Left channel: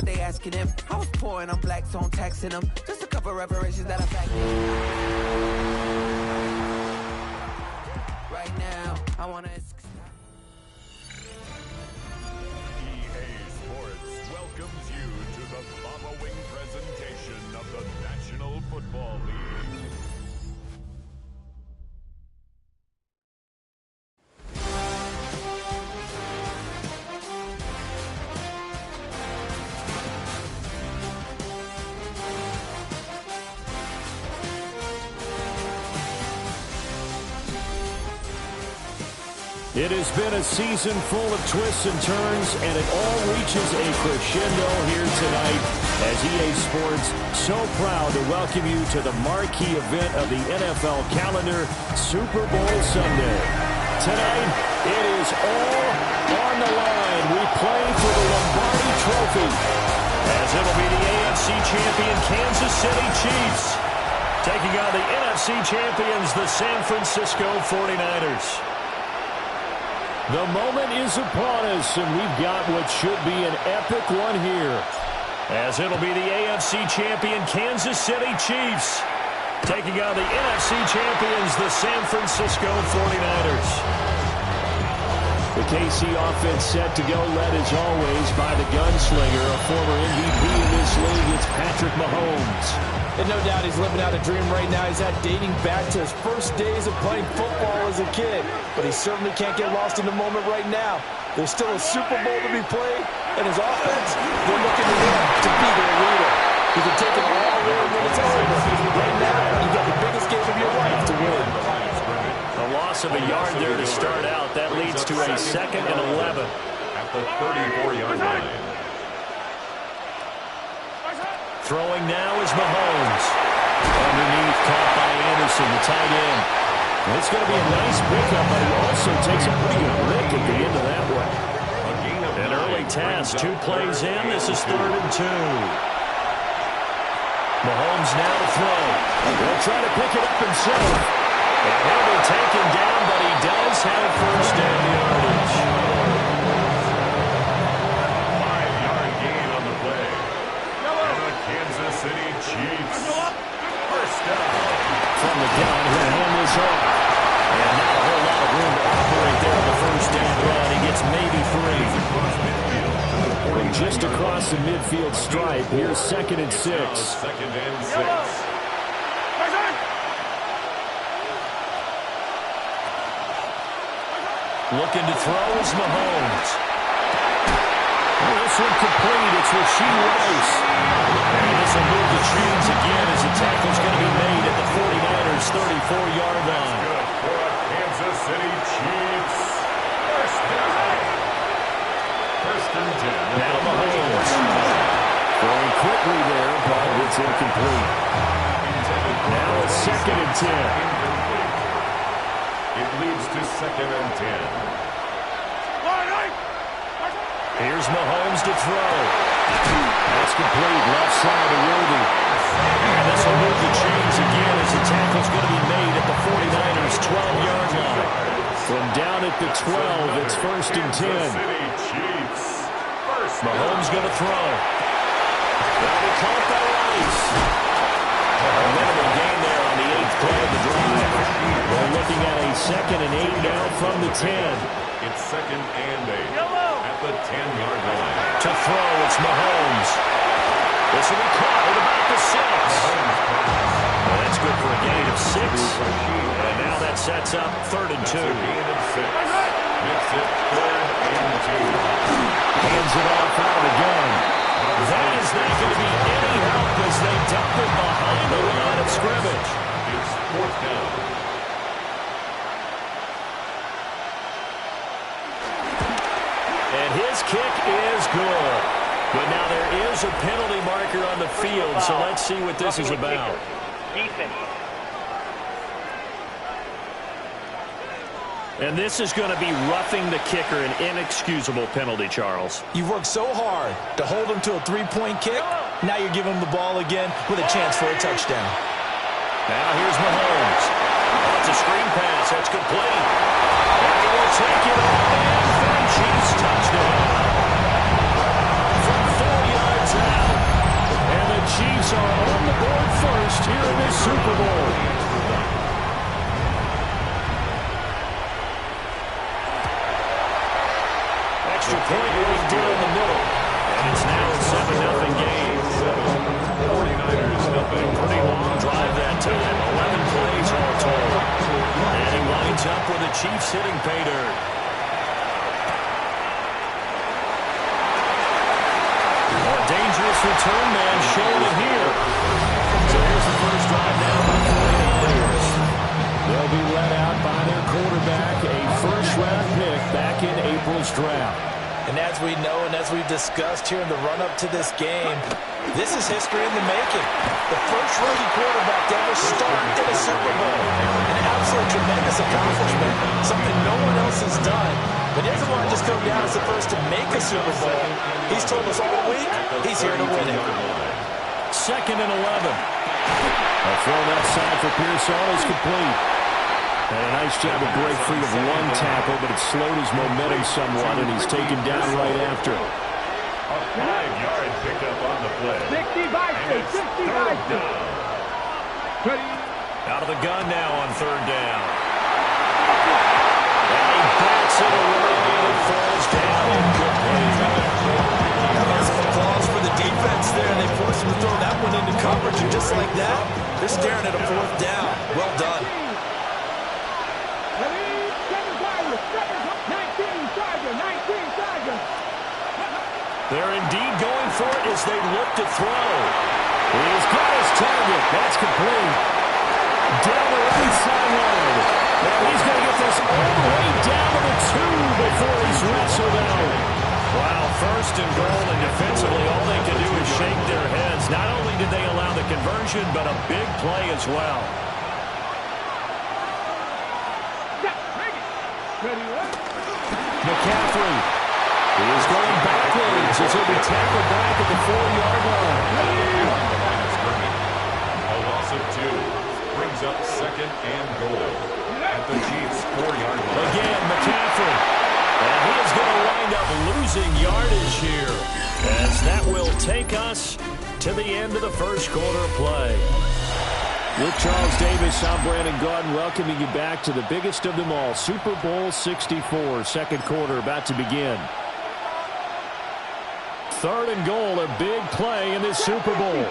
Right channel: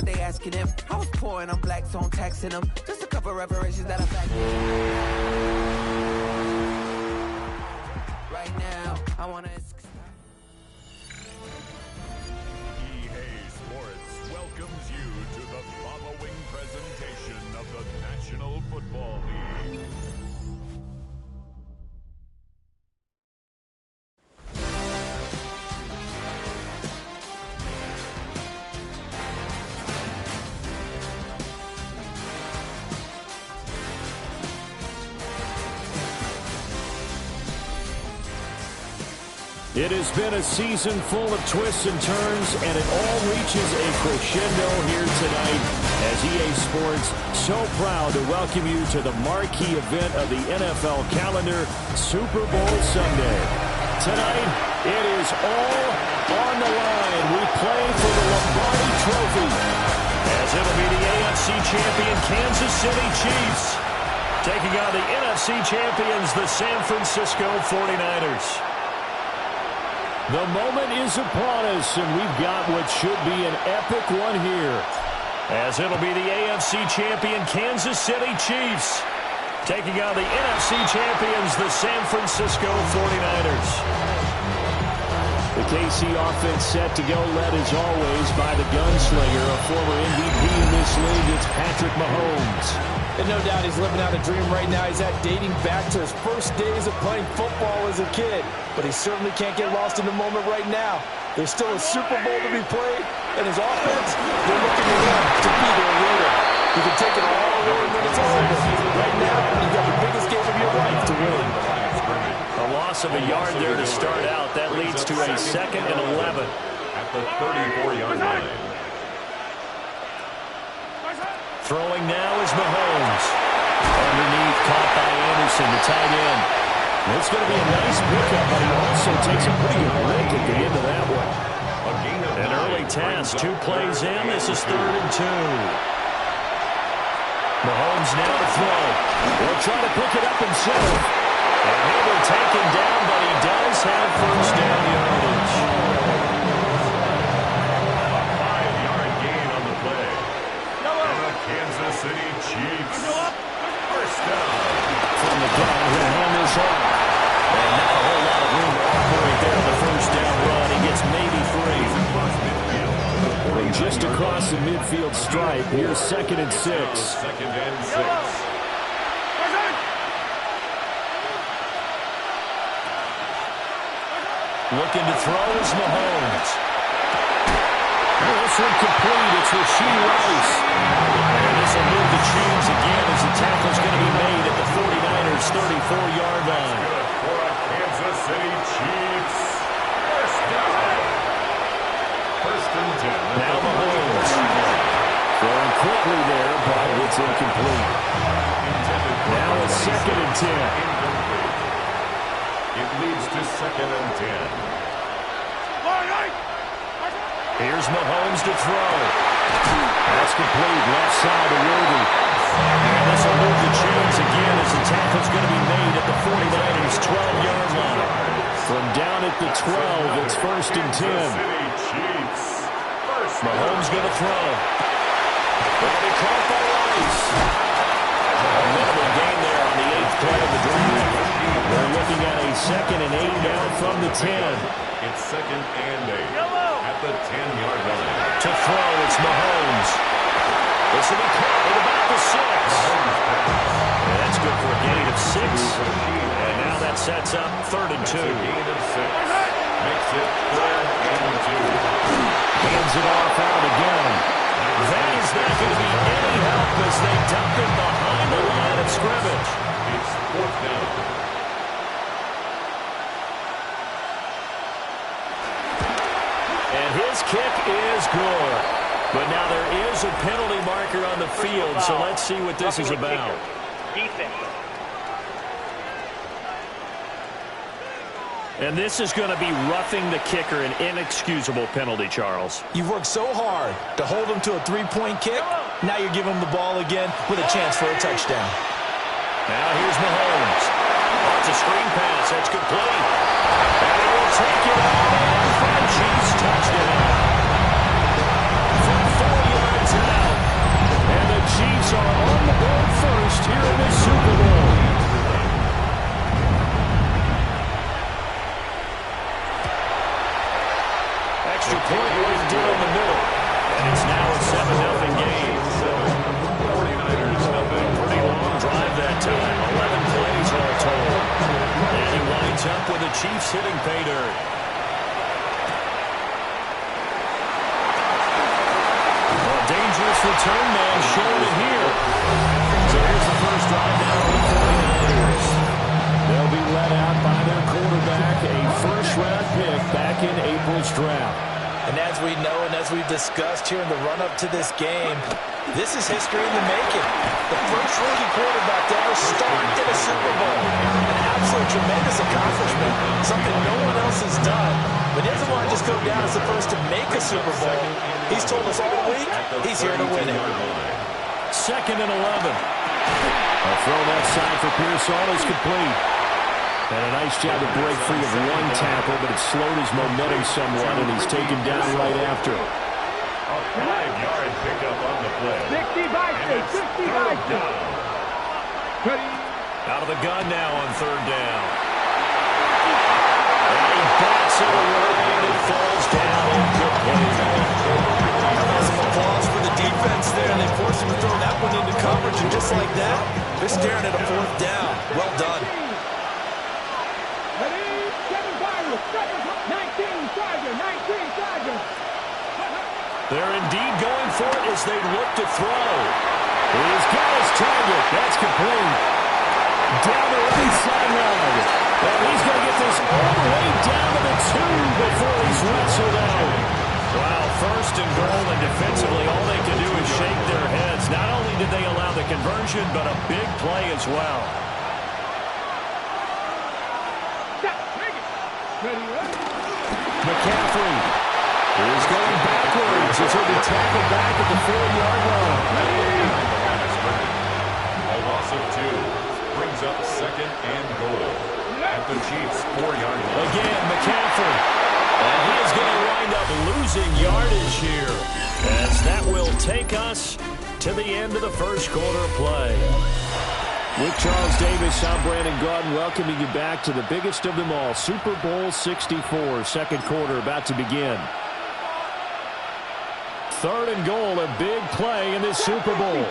what they asking him. I was poor and I'm black, so I'm taxing them. Just a couple reparations that I'm back. Right now, I want to... EA Sports welcomes you to the following presentation of the National Football League. It has been a season full of twists and turns, and it all reaches a crescendo here tonight as EA Sports so proud to welcome you to the marquee event of the NFL calendar, Super Bowl Sunday. Tonight, it is all on the line. We play for the Lombardi Trophy, as it'll be the AFC champion Kansas City Chiefs taking on the NFC champions, the San Francisco 49ers. The moment is upon us, and we've got what should be an epic one here, as it'll be the AFC champion Kansas City Chiefs taking on the NFC champions, the San Francisco 49ers. The KC offense set to go, led as always by the gunslinger, a former MVP in this league. It's Patrick Mahomes. And no doubt he's living out a dream right now. He's dating back to his first days of playing football as a kid. But he certainly can't get lost in the moment right now. There's still a Super Bowl to be played, and his offense, they're looking to him to be their leader. He can take it all away when it's over. Right now, you've got the biggest game of your life to win. A loss of a yard there to start out. That leads to a 2nd and 11. At the 34-yard line. Throwing now is Mahomes. Underneath, caught by Anderson, the tight end. It's going to be a nice pickup, but he also takes a pretty good lick at the end of that one. An early task, 2 plays in. This is 3rd and 2. Mahomes now to throw. He'll try to pick it up himself. And he'll be taken down, but he does have first down yardage. A 5-yard gain on the play. And the Kansas City Chiefs. First down. From the gun, he'll hand this off. And not a whole lot of room to operate there on the first down run. He gets maybe 3. Across midfield to the 49 Just across the midfield stripe. Here's 2nd and 6. 2nd and 6. Looking to throw is Mahomes. This one complete. It's Rashee Rice. And this will move the chains again as the tackle's going to be made at the 49ers' 34-yard line. Good for a Kansas City Chiefs. First down. 1st and 10. Now Mahomes. Throwing quickly there, but it's incomplete. Now it's 2nd and 10. Incomplete. It leads to 2nd and 10. Here's Mahomes to throw. That's complete. Left side to Worthy. And this will move the chains again as the tackle's going to be made at the 49ers' 12-yard line. From down at the 12, it's 1st and 10. Mahomes going to throw. That'll be caught by Rice. A minimal gain there on the 8th play of the drive. We're looking at a 2nd and 8 now from the 10. It's 2nd and 8 at the 10-yard line. To throw, it's Mahomes. This will be caught at about the 6. And that's good for a gain of 6. And now that sets up 3rd and 2. That's a gain of 6. Makes it 3rd and 2. Hands it off out again. That is not going to be any help as they dump it behind the line of scrimmage. It's 4th down. And his kick is good. But now there is a penalty marker on the field, so let's see what this is about. Defense. And this is going to be roughing the kicker, an inexcusable penalty, Charles. You've worked so hard to hold him to a 3-point kick. Now you're giving him the ball again with a chance for a touchdown. Now here's Mahomes. Oh, it's a screen pass. That's complete. And he will take it all in for a Chiefs touchdown. From 4 yards scored first here in this Super Bowl. Extra point right down the middle. And it's now a 7-0 game. 49ers nothing. Pretty long drive that time. 11 plays all told. And he winds up with the Chiefs hitting pay dirt. A dangerous return man showing it here. So here's the first drive now for the 49ers. They'll be let out by their quarterback, a first-round pick back in April's draft. And as we know and as we've discussed here in the run-up to this game, this is history in the making. The first rookie quarterback to ever start in a Super Bowl. An absolute tremendous accomplishment, something no one else has done. But he doesn't want to just go down as the first to make a Super Bowl. He's told us all week he's here to win it. 2nd and 11. A throw that side for Pearsall is complete. And a nice job to break free of one tackle, but it slowed his momentum somewhat, and he's taken down right after. A 5-yard pickup on the play. 65 down. Out of the gun now on 3rd down. And he bats it away, and it falls down incomplete. How about some applause for the defense there, and they forced him to throw that one into coverage, and just like that, they're staring at a 4th down. Well done. 19 Chargers. They're indeed going for it as they look to throw. He's got his target. That's complete. Down the right sideline. And he's going to get this all the way down to the 2 before he's wrestled out. Wow, 1st and goal, and defensively all they can do is shake their heads. Not only did they allow the conversion, but a big play as well. McCaffrey is going backwards as he'll be tackled back at the 4-yard line. A loss of 2 brings up 2nd and goal at the Chiefs' 4-yard line. Again, McCaffrey. And he is going to wind up losing yardage here, as that will take us to the end of the first quarter play. With Charles Davis, I'm Brandon Gaudin, welcoming you back to the biggest of them all, Super Bowl 64, 2nd quarter about to begin. 3rd and goal, a big play in this Super Bowl.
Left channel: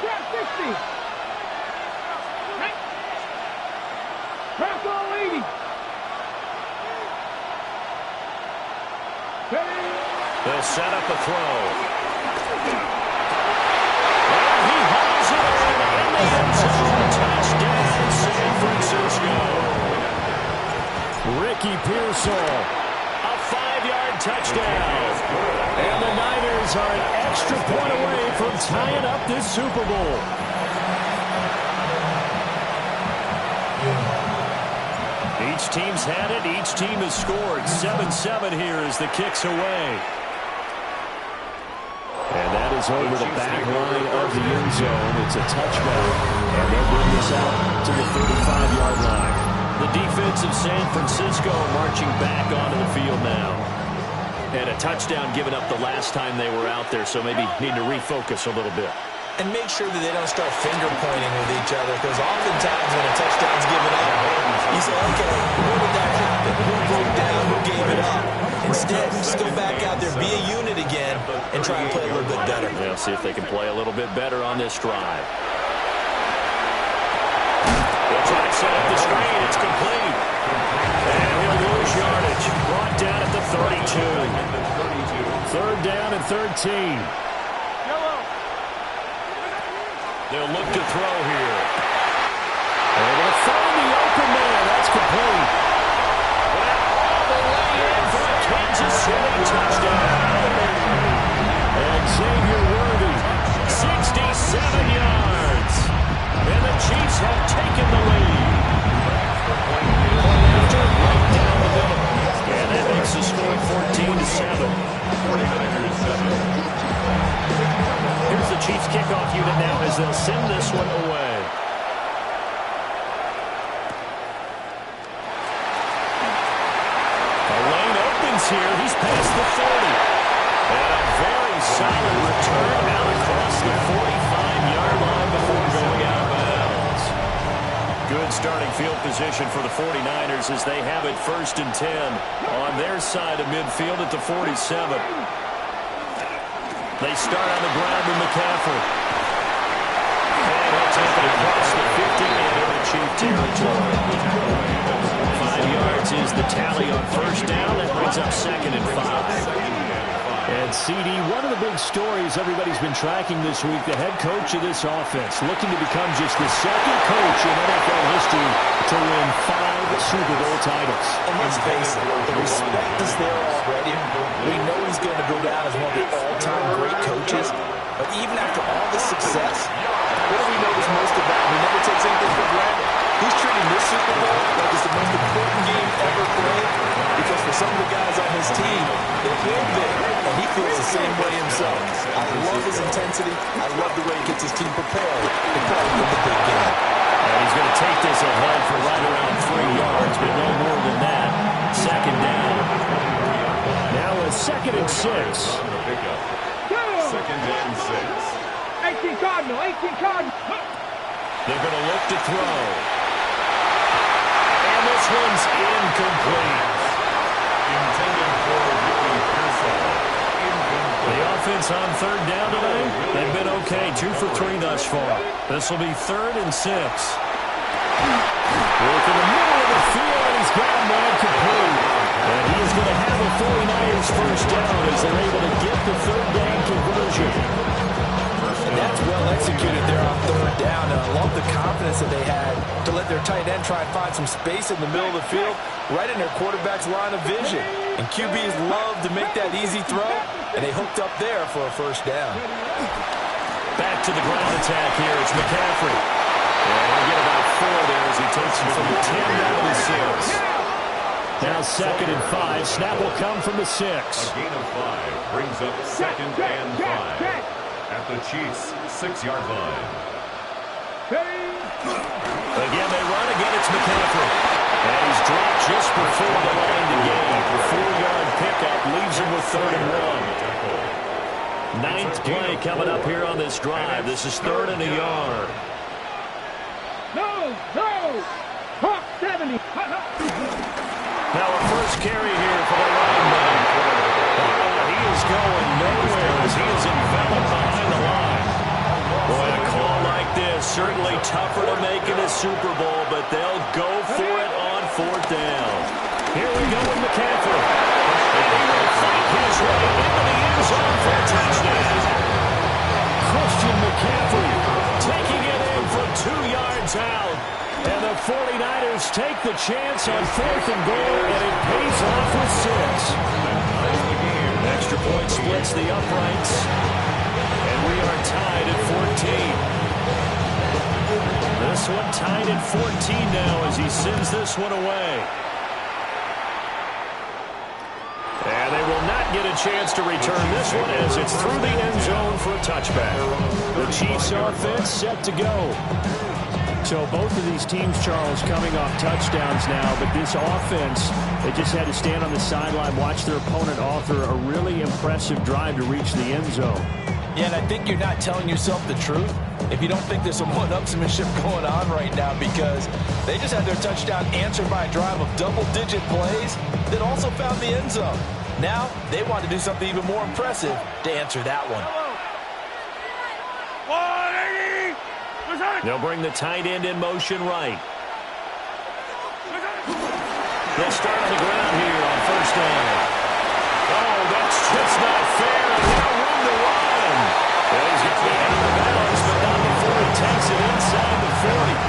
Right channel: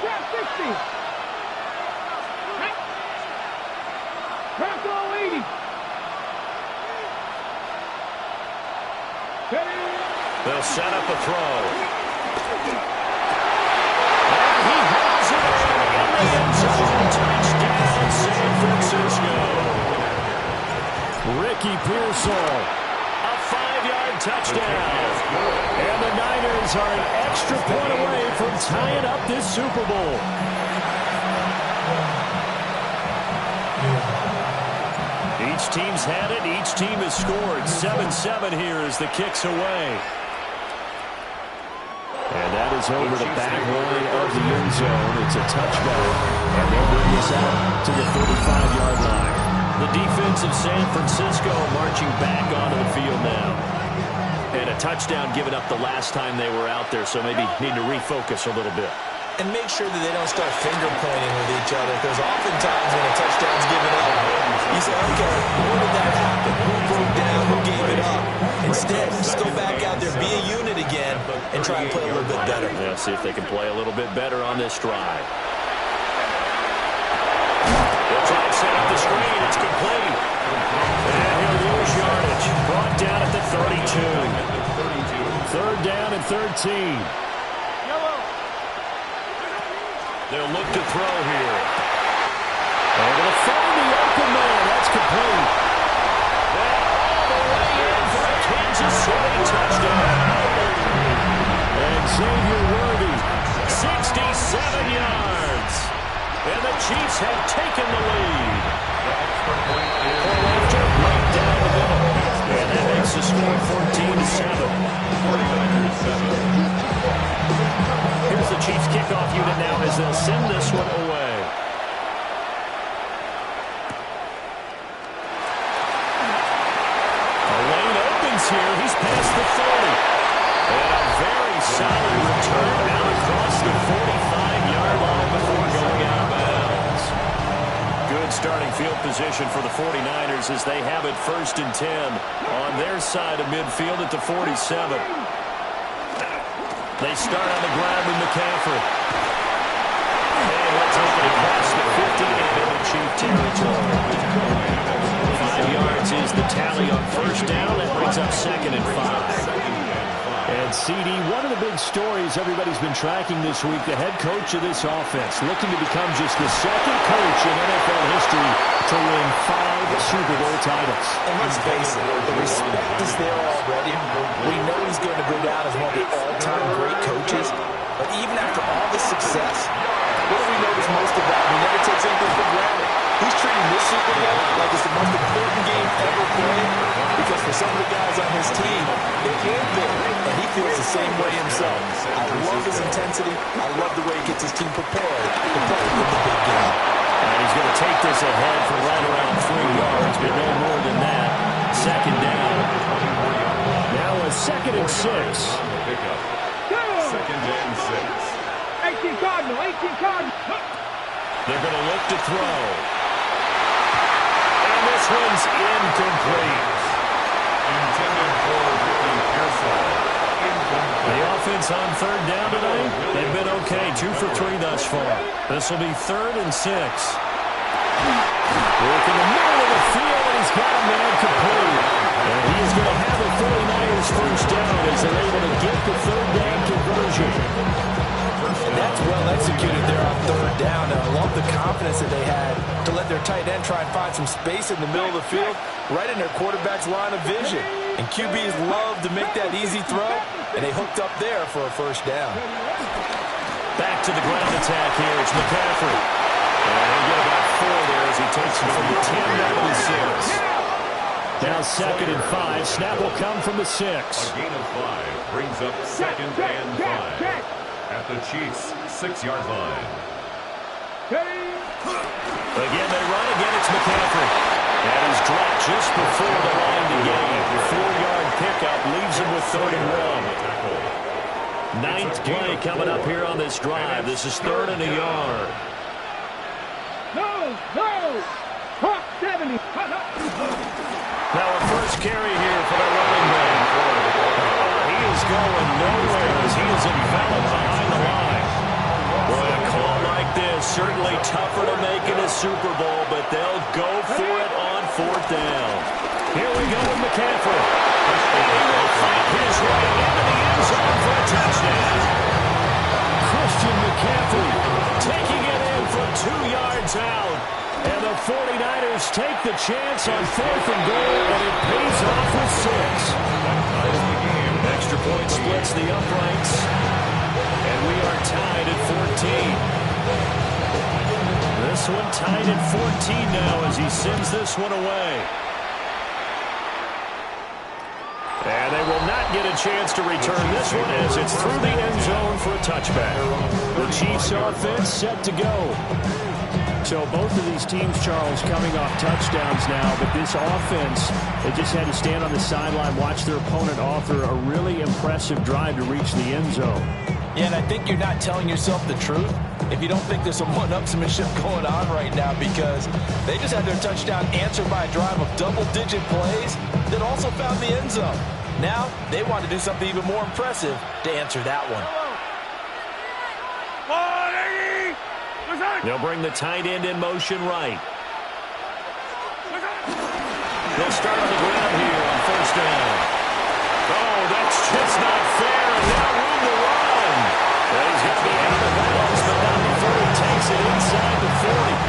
They'll set up a throw. And he hauls it in the end zone. Touchdown, San Francisco. Ricky Pearsall, a 5-yard touchdown. And the Niners are an extra point away from tying up this Super Bowl. Each team's had it. Each team has scored. 7-7 here as the kick's away. And that is over the back line of the end zone. It's a touchback. And they'll bring this out to the 35-yard line. The defense of San Francisco marching back onto the field now. And a touchdown given up the last time they were out there, so maybe need to refocus a little bit. And make sure that they don't start finger pointing with each other, because oftentimes when a touchdown's given up, you say, okay, where did that happen? Who broke down? Who gave it up? Instead, just go back out there, be a unit again, and try and play a little bit better. Yeah, see if they can play a little bit better on this drive. They'll try and set up the screen. It's complete. And he'll lose yardage. Brought down at the 32. 3rd down and 13. They'll look to throw here. Able to find the open man. That's complete. And all the way in for a Kansas City touchdown. And Xavier Worthy, 67 yards. And the Chiefs have taken the lead. Point after, right down the middle. And that makes the score 14-7. 49ers 7. Here's the Chiefs kickoff unit now as they'll send this one away. A lane opens here. He's past the 30. And a very solid return out across the 45-yard line before going out field position for the 49ers as they have it 1st and 10 on their side of midfield at the 47. They start on the ground with McCaffrey. And he'll take it across the 50 and into Chief territory. 5 yards is the tally on 1st down. That brings up 2nd and 5. And CD, one of the big stories everybody's been tracking this week, the head coach of this offense, looking to become just the 2nd coach in NFL history to win 5 Super Bowl titles. And let's face it, the respect is there already. We know he's going to go down as one of the all-time great coaches. But even after all this success, what do we notice most about him? He never takes anything for granted. He's treating this Super Bowl like it's the most important game ever played, because for some of the guys on his team, it will be, and he feels the same way himself. I love his intensity. I love the way he gets his team prepared to play in the big game. And he's going to take this ahead for right around 3 yards, but no more than that. 2nd down. Now a 2nd and 6. 2nd and 6. 18 Cardinal, 18 Cardinal. They're going to look to throw. And this one's incomplete. Intended for Ricky Pearsall. Incomplete. The offense on 3rd down tonight, they've been okay. 2 for 3 thus far. This will be 3rd and 6. Work in the middle of the field, and he's got a man complete. And he is going to have a 49ers 1st down as they're able to get the 3rd down conversion. And that's well executed there on 3rd down. And I love the confidence that they had to let their tight end try and find some space in the middle of the field, right in their quarterback's line of vision. And QBs love to make that easy throw, and they hooked up there for a 1st down. Back to the ground attack here. It's McCaffrey. And he'll get about 4 there as he takes him from the 10 down to the 6. Now 2nd and 5. Snap will come from the 6. A gain of 5 brings up 2nd and 5. At the Chiefs' 6-yard line. Again, they run. Again, it's McCaffrey. And he's dropped just before the line to gain. 4-yard pickup leaves him with 3rd and 1. 9th play coming up here on this drive. This is 3rd and a yard. No, no. Hawk 70. Now a first carry here for the running back. He is going nowhere as he is enveloped behind the line. Boy, a call like this, certainly tougher to make in a Super Bowl, but they'll go for it on 4th down. Here we go with McCaffrey. And he will fight his way into the end zone for a touchdown. Christian McCaffrey taking it in from 2 yards out. And the 49ers take the chance on 4th and goal, and it pays off with 6. Extra point splits the uprights, and we are tied at 14. This one tied at 14 now as he sends this one away. And they will not get a chance to return this one as it's through the end zone for a touchback. The Chiefs offense set to go. So both of these teams, Charles, coming off touchdowns now, but this offense, they just had to stand on the sideline, watch their opponent author a really impressive drive to reach the end zone. Yeah, and I think you're not telling yourself the truth if you don't think there's some one-upsmanship going on right now, because they just had their touchdown answered by a drive of double-digit plays that also found the end zone. Now, they want to do something even more impressive to answer that one. They'll bring the tight end in motion right. They'll start on the ground here on 1st down. Oh, that's just not fair, and now room to run. And he's going to be out of bounds, but not before he takes it inside the 40.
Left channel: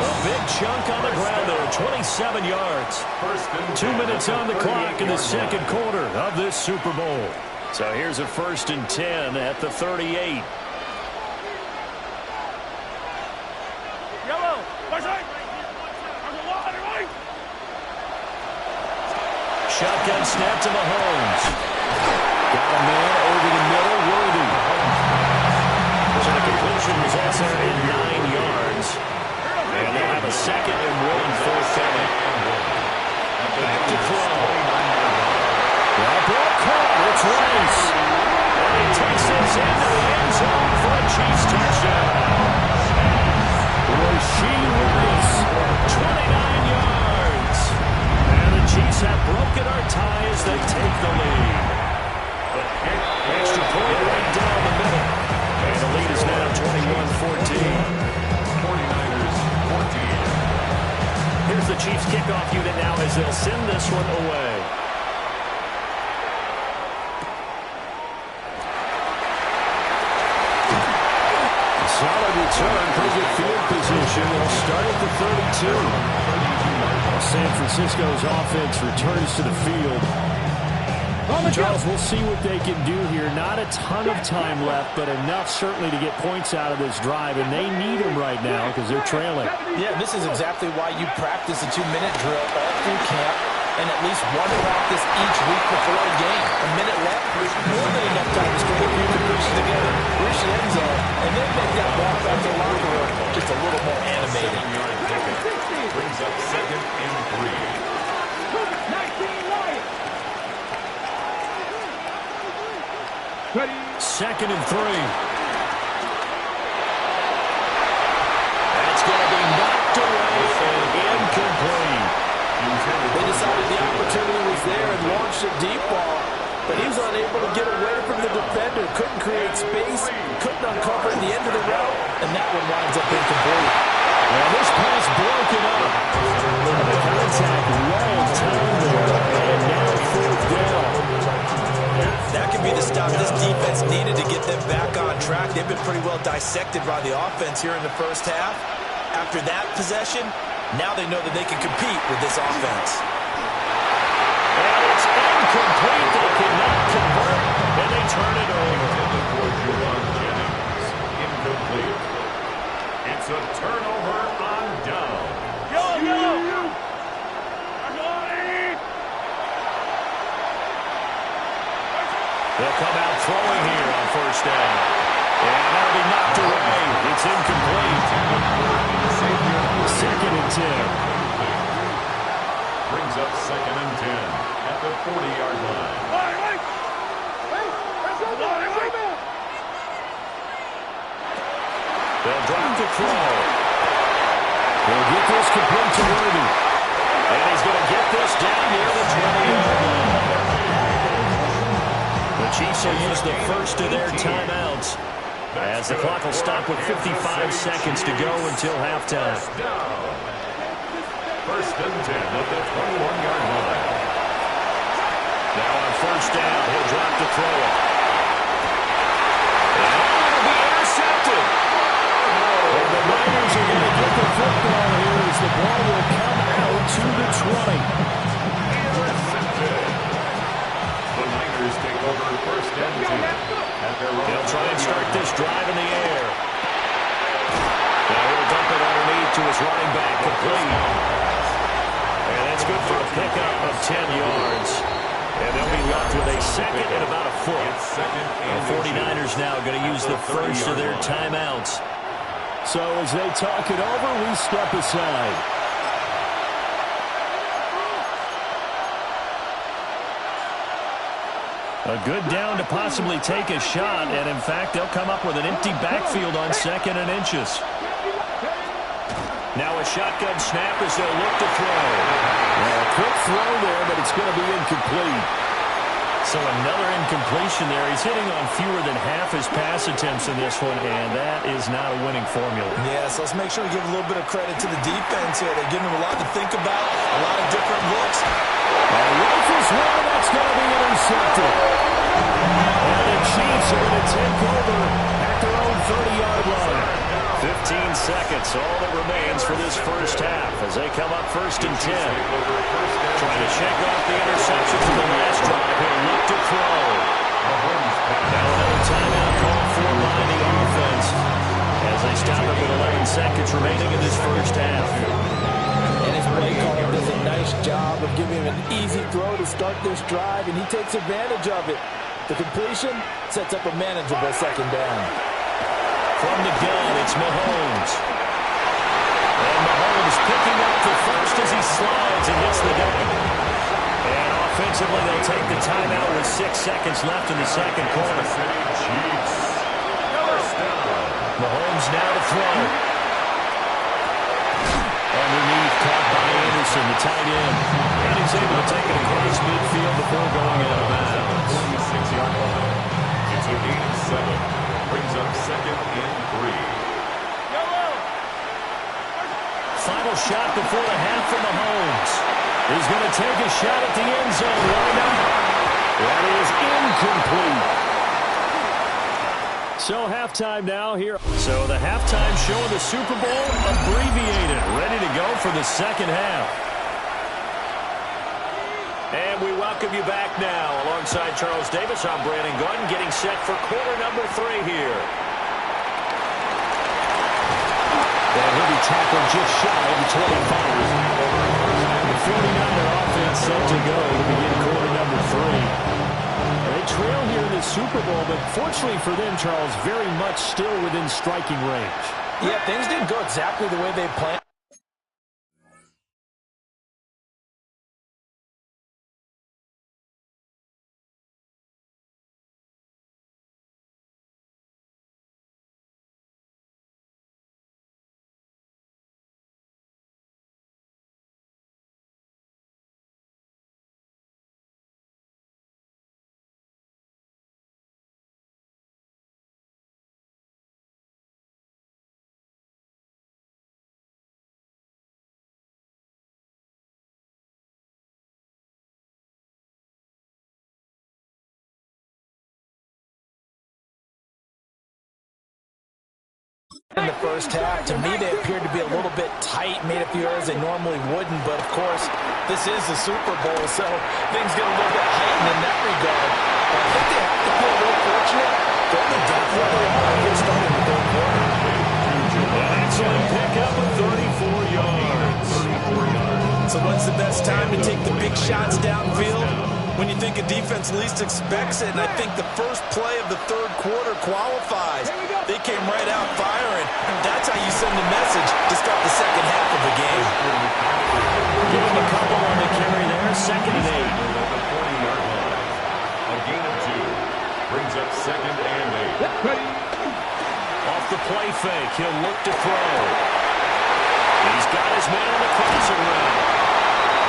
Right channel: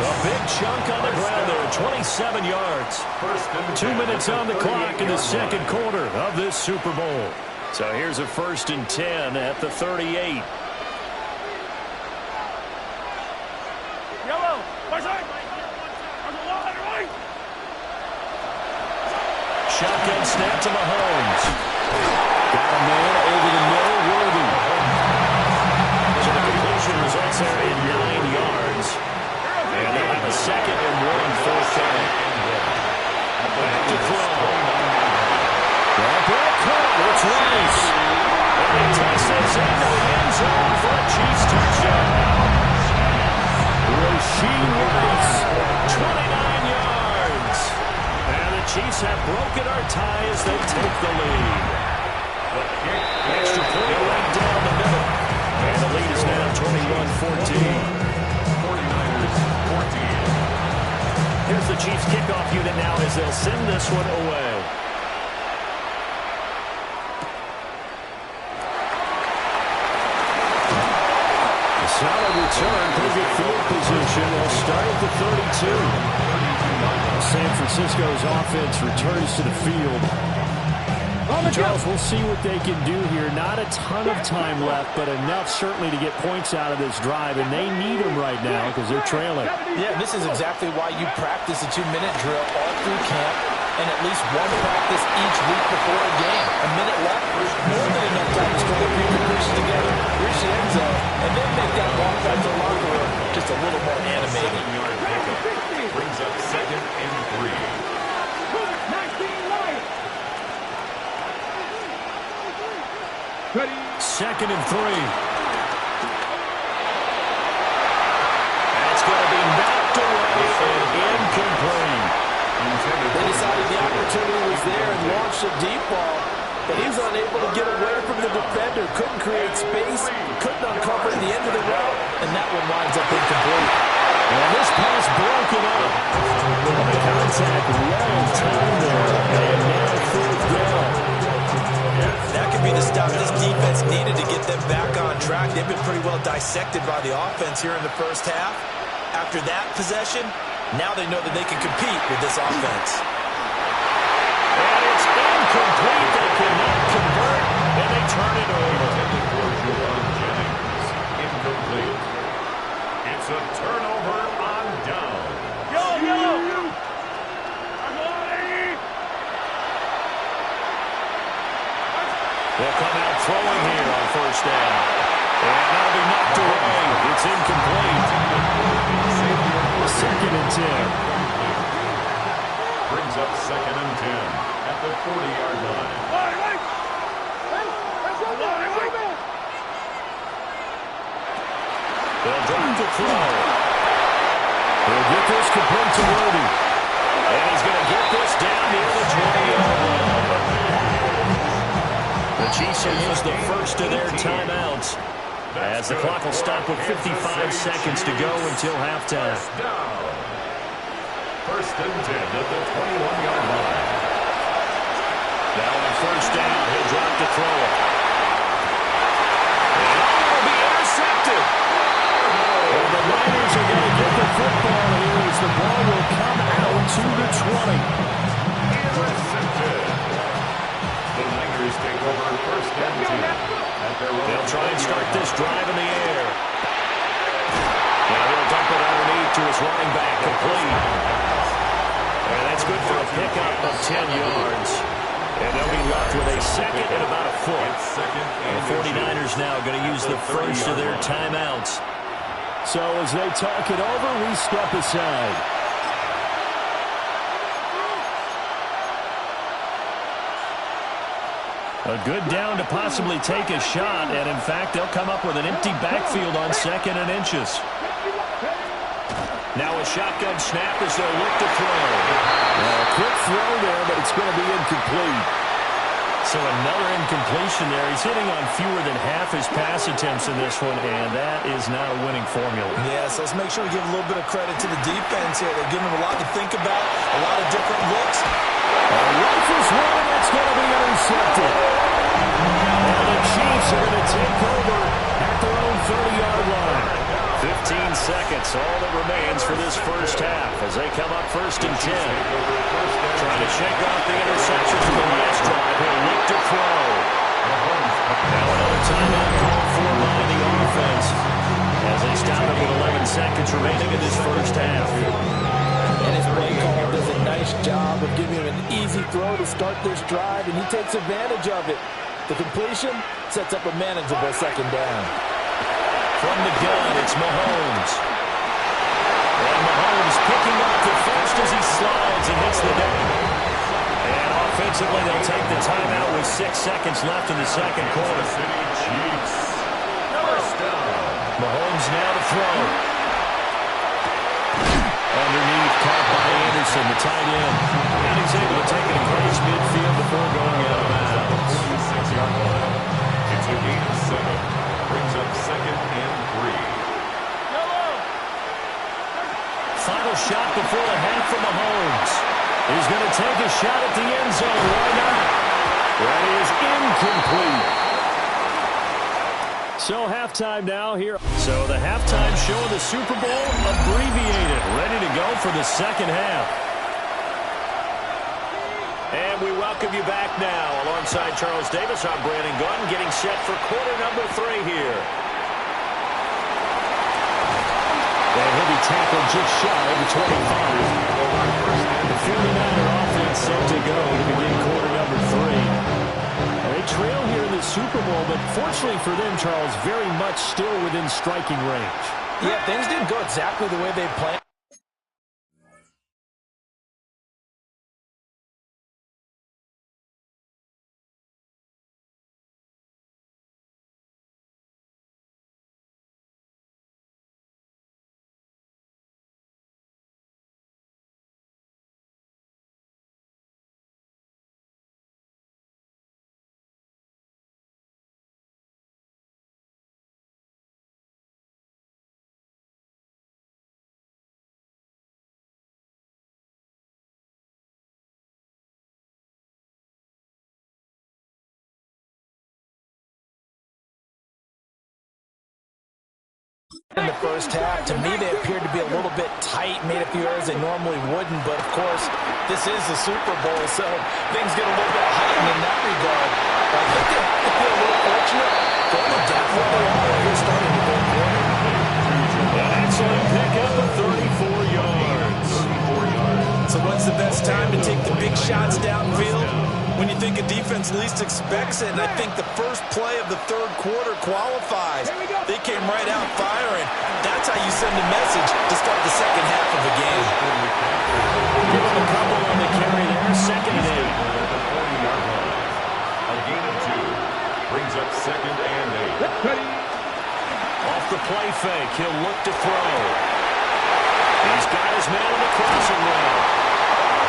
A big chunk on the ground there, 27 yards. 2 minutes on the clock in the 2nd quarter of this Super Bowl. So here's a 1st and 10 at the 38. Shotgun snap to Mahomes. Got a man over the middle, Worthy. So the completion results there in 9 yards. And they'll have a 2nd and 1 forthcoming. Back to throw. That ball caught. It's Rice. And he takes this into the end zone for a Chiefs touchdown. Rasheed Rice 29 yards. And the Chiefs have broken our tie as they take the lead. Extra point right down the middle. And the lead is now 21-14. 49ers 14. Here's the Chiefs kickoff unit now as they'll send this one away. A solid return, pretty good field position. They'll start at the 32. San Francisco's offense returns to the field. Charles, we'll see what they can do here. Not a ton of time left, but enough certainly to get points out of this drive, and they need them right now because they're trailing. Yeah, this is exactly why you practice a 2-minute drill all through camp and at least one practice each week before a game. A minute left, more than enough time to string a few conclusions together, reach the end zone, and then make that walk back to the locker room just a little more animated. 7-yard pickup brings up 2nd and 3. Second and 3. That's going to be knocked away and incomplete. They decided the opportunity was there and launched a deep ball, but he was unable to get away from the defender. Couldn't create space, couldn't uncover at the end of the route, and that one winds up incomplete. And this pass broken up. And the contact well timed there, and now 4th down. That could be the stop this defense needed to get them back on track. They've been pretty well dissected by the offense here in the first half. After that possession, now they know that they can compete with this offense. And it's incomplete. They cannot convert, and they turn it over. Intended for Juwan Jennings. Incomplete. It's a turnover on down. Go! They'll come out throwing here on 1st down. And that'll be knocked away. It's incomplete. 2nd and 10. Brings up 2nd and 10 at the 40-yard line. They'll drop the throw. He'll get this complete to Worthy. And he's going to get this down near the 20-yard line. The Chiefs will use the first of their timeouts as the clock will stop with 55 seconds to go until halftime. 1st and 10 at the 21-yard line. Now on 1st down, he'll drop to throw it. And it'll be intercepted. And the Niners are going to get the football here as the ball will come out to the 20. Intercepted. The Niners take over 1st and 10 at their own. They'll try and start this drive in the air. Now he'll dump it underneath to his running back, complete. And that's good for a pickup of 10 yards. And they'll be left with a 2nd and about a foot. And the 49ers now going to use the first of their timeouts. So as they talk it over, we step aside. A good down to possibly take a shot, and in fact, they'll come up with an empty backfield on 2nd and inches. Now a shotgun snap as they'll look to throw. Well, a quick throw there, but it's going to be incomplete. So another incompletion there. He's hitting on fewer than half his pass attempts in this one, and that is not a winning formula. Yeah, so let's make sure we give a little bit of credit to the defense here. They're giving him a lot to think about, a lot of different looks. Rifles one, and that's going to be intercepted. And the Chiefs are going to take over at their own 30-yard line. 15 seconds, all that remains for this first half as they come up 1st and 10. Trying to shake off the interception from the last drive. He'll look to throw. Now another timeout called for by the offense as they stop it with 11 seconds remaining in this first half. And his play caller does a nice job of giving him an easy throw to start this drive, and he takes advantage of it. The completion sets up a manageable 2nd down. From the gun, it's Mahomes. And Mahomes picking up the first as he slides and hits the deck. And offensively, they'll take the timeout with 6 seconds left in the second quarter. City Chiefs. First down. Mahomes now to throw. Underneath, Anderson, the tight end. And he's able to take it across midfield before going out of bounds. 26-yard line. It's a gain of 7. Brings up 2nd and 3. Final shot before the half from Mahomes. He's going to take a shot at the end zone. Why not? That is incomplete. So halftime now here. So the halftime show of the Super Bowl abbreviated. Ready to go for the second half. And we welcome you back now. Alongside Charles Davis, I'm Brandon Gunn, getting set for quarter number 3 here. And he'll be tackled just shy of the 25. The 49er offense set to go to begin quarter number 3. They trail here in the Super Bowl, but fortunately for them, Charles, very much still within striking range. Yeah, things didn't go exactly the way they planned. In the first half, to me, they appeared to be a little bit tight, made a few errors they normally wouldn't, but of course, this is the Super Bowl, so things get a little bit heightened in that regard. But I think they have to feel a little fortunate. They're only down where they are here starting the third quarter. An excellent pickup of 34 yards. So when's the best time to take the big shots downfield? When you think a defense least expects it, and I think the first play of the third quarter qualifies. They came right out firing. That's how you send a message to start the second half of a game. Give him a couple on the carry there. 2nd and 8. At the 40-yard line. A gain of 2. Brings up 2nd and 8. Off the play fake, he'll look to throw. He's got his man on the crossing route.